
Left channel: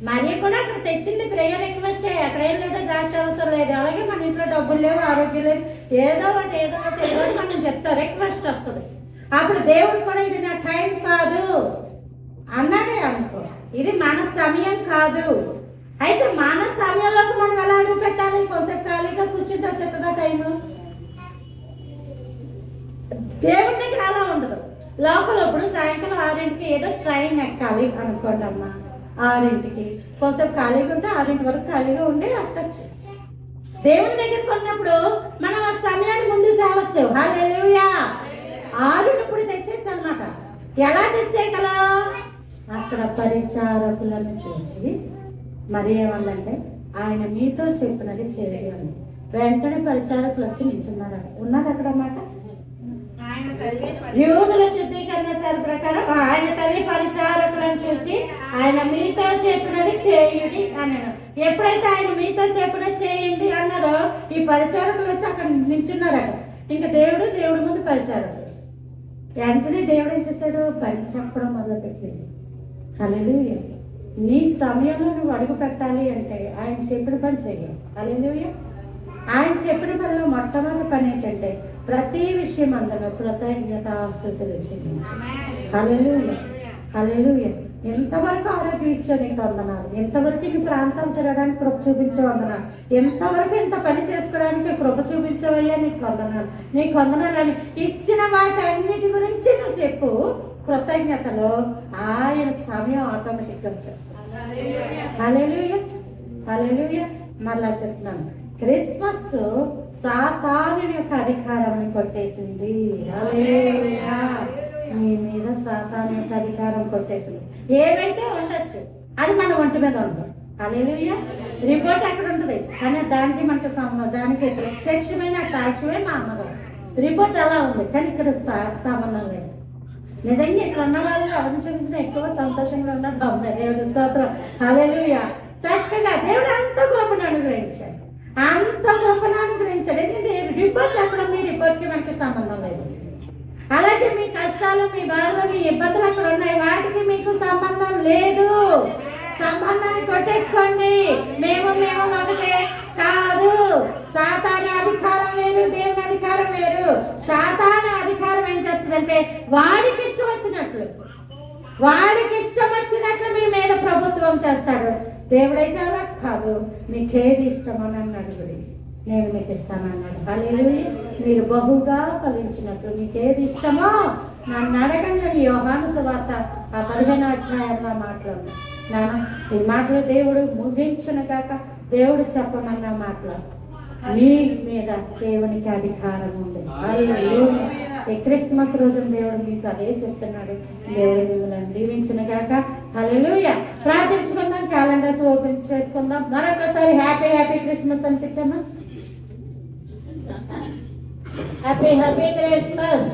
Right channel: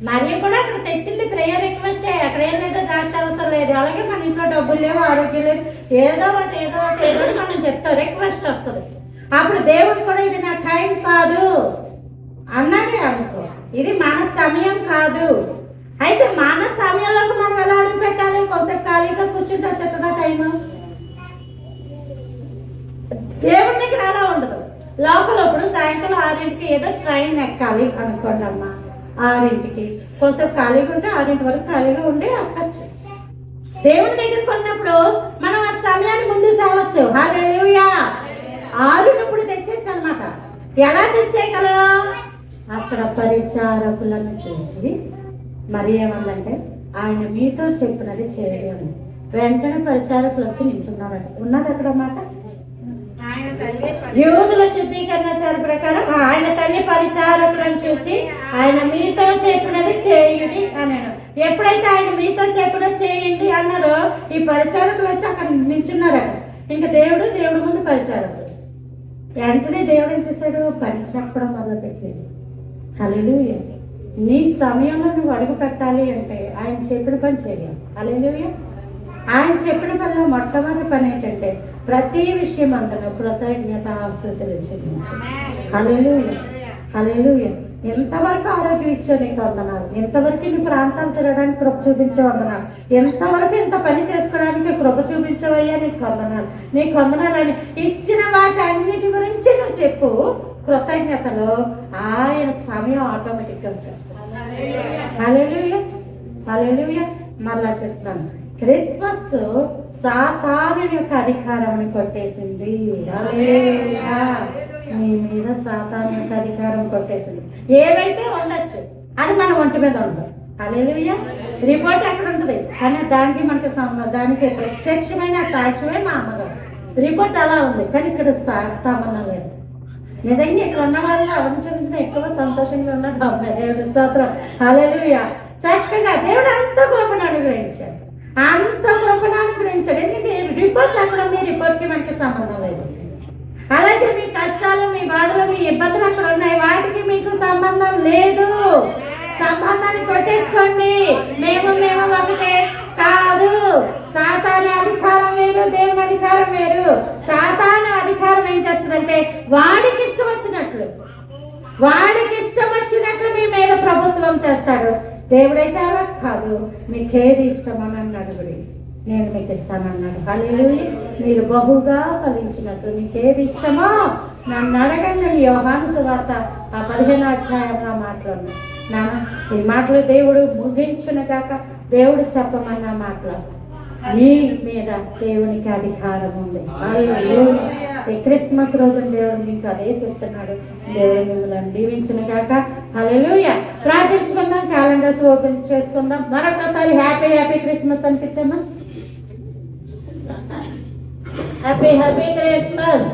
మరి కూడా అక్కడ తెచ్చింది ప్రేయర్ రిక్వెస్టే. అక్కడ ఏం లేదో దాచి అవసరం లేదు. అలాగే మన ఇంట్లో డబ్బులు లేవు, ఆరోగ్యం లేదు, ఏదో ఒకటి మనం చెప్తాం, రిక్వెస్ట్ వస్తుంది. అప్పుడు దేవుడు కూడా ఇది నా టైం కాదు అన్నాడే అనుకో, ఇది మన సమయం కాదు. అయితే మన సమయంలోకి మనం ఎలా అడుగు పెట్టాలి? కొంచెం ఖాళీగా కూర్చుంటే వచ్చేస్తుందా టైము? దేవుడి దగ్గర అలా ఉండదు. లోపల ఇప్పుడు సాయంకాలం 6ంటికి ఏదో ట్రైన్ ఎక్కాలి అనుకోండి అమ్మ, 6ంటికి కొంచెం ఖాళీగా ఉంటే 6ంటి వరకు ఖాళీగా ఉండి ఎక్కచ్చు. దేవుడి దగ్గర కొన్నప్పుడు మనం ఆ సమయాన్ని ముందుకు తేవచ్చు. హల్లెలూయా! 6 తెచ్చేయచ్చు అనమాట. ఎలా తెచ్చేయగలం? అక్కడ పరిచారకులను చూసి మరి ఏమన్నంటే ఆయన మీతో చెప్పినది చేయాలి. వెంటనే పరిచారకులు వచ్చి నిల్చున్నారు. ఉన్నారు అక్కడ అన్నమాట. యూదుల శుద్ధీకరణ ప్రకారం ఆయన తల్లి పరిచారకులను చూసి ఆయన మీతో చెప్పినది చేయుడి అన్నాడు. ఎప్పుడైతే ఆయన మీతో చెప్పినది చేయండి అన్నారో ఈ పరిచారకులు వచ్చి అక్కడ నిల్చున్నారట. ఇంకా దేవుడు ముందు పరిచారకులు. వెంటనే దేవుడు ఏం చేశాడు? పని చెప్పడం మొదలుపెట్టింది. హల్లెలూయా! నీ సమయంలో నువ్వు అడుగు పెట్టాలి అంటే ఆయన చెప్పిన పని చేయాలి. హల్లెలూయా! ఆయన చెప్పిన పనిలో మొట్టమొదటి పని ఏంటంటే ప్రతి విషయం అందులో కృతజ్ఞతాస్తుతులు చెల్లించు. హల్లెలూయా! హల్లెలూయా! ఎంతవరకు ఆరోగ్యం ఇచ్చావు నీకు వందనాలు, ఎంతవరకు నీ ప్రాంతాలు తిరగడానికి కృప చూపించావు వందనాలు, ఎంతవరకు ఇంత పని చేసుకోవడానికి కృప చూపించావయ్యా నీకు వందనాలు, నీకు వందనాలు అని ఇచ్చిన వాటి అన్నిటి గురించి నువ్వు చెప్పు. కృతజ్ఞతలో ఆయన సమయం ఆటోమేటిక్గా వచ్చేస్తుంది. హల్లెలూయా! హల్లెలూయా! మళ్ళా చెప్తాను, క్రిస్మస్ సాతాను యొక్క అధికారాన్ని కొట్టేసింది. హల్లెలూయా! మీ మీద సాతాను యొక్క అధికారం కొట్టేసింది. ఏవైతే ఉండొచ్చు అది మన ఒంటి మీద ఉండదు. హల్లెలూయా! రిపోర్ట్ ఎక్కడ ఉంటుంది కానీ దానికి మనకి దానికి ప్రత్యక్షమైన సాక్ష్యమే మా అమ్మగారు. రిపోర్ట్ అలా ఉంది కానీ ఇక్కడ సంబంధం లేదు. నిజంగా ఇక్కడ ఉన్న వాళ్ళు ఎవరిని చూపించినా ఎక్కువ సంతోషంగా ఉన్నది అమ్మాయి. దేవుడి స్తోత్రం. హల్లెలూయా! చక్కగా దేవుడు అంత కృపను అనుగ్రహించాడు, అంత కృపను అనుగ్రహించాడు. ఎందుకంటే రిపోర్ట్ ఎక్కడ ఉంది, రిపోర్ట్కి మనకి సంబంధం లేదు. అలాగే మీ కష్టాలు, మీ బాధలు, మీ ఇబ్బందులు అక్కడ ఉన్నాయి, వాటికి మీకు సంబంధం లేదు. సంబంధాన్ని కొట్టేసుకోండి. మేము ఒకటే కాదు. సాతాను అధికారం వేరు, దేవుని అధికారం వేరు. సాతాను అధికారం ఏం చేస్తుంది కాదంటే వాడికి ఇష్టం వచ్చినట్లు మీ మీద ప్రభుత్వం చేస్తాడు. దేవుడైతే అలా కాదు, మీకేది ఇష్టమని అన్నాడు, నేను మీకు ఇస్తానన్నాడు. హల్లెలూయా. మీరు బహుగా ఫలించినట్లు మీకేది ఇష్టమో నన్ను అడగండి. యోహాను సువార్త 15వ అధ్యాయంలో మాట్లాడు. నాన్న ఈ మాటలు దేవుడు ముగించిన కాక దేవుడు చెప్పమన్న మాటలు మీ మీద దేవునికి అధికారం ఉంది. హల్లెలూయా. ఈ క్రిస్మస్ రోజున దేవుడు మీకు అదే చెప్తున్నాడు. దేవుడు మిమ్మల్ని దీవించిన కాక. హల్లెలూయా. ప్రార్థించుకుందాం, క్యాలెండర్స్ ఓపెన్ చేసుకుందాం. మరొకసారి హ్యాపీ హ్యాపీ క్రిస్మస్ అనిపించమ్మా. Happy happy Christmas.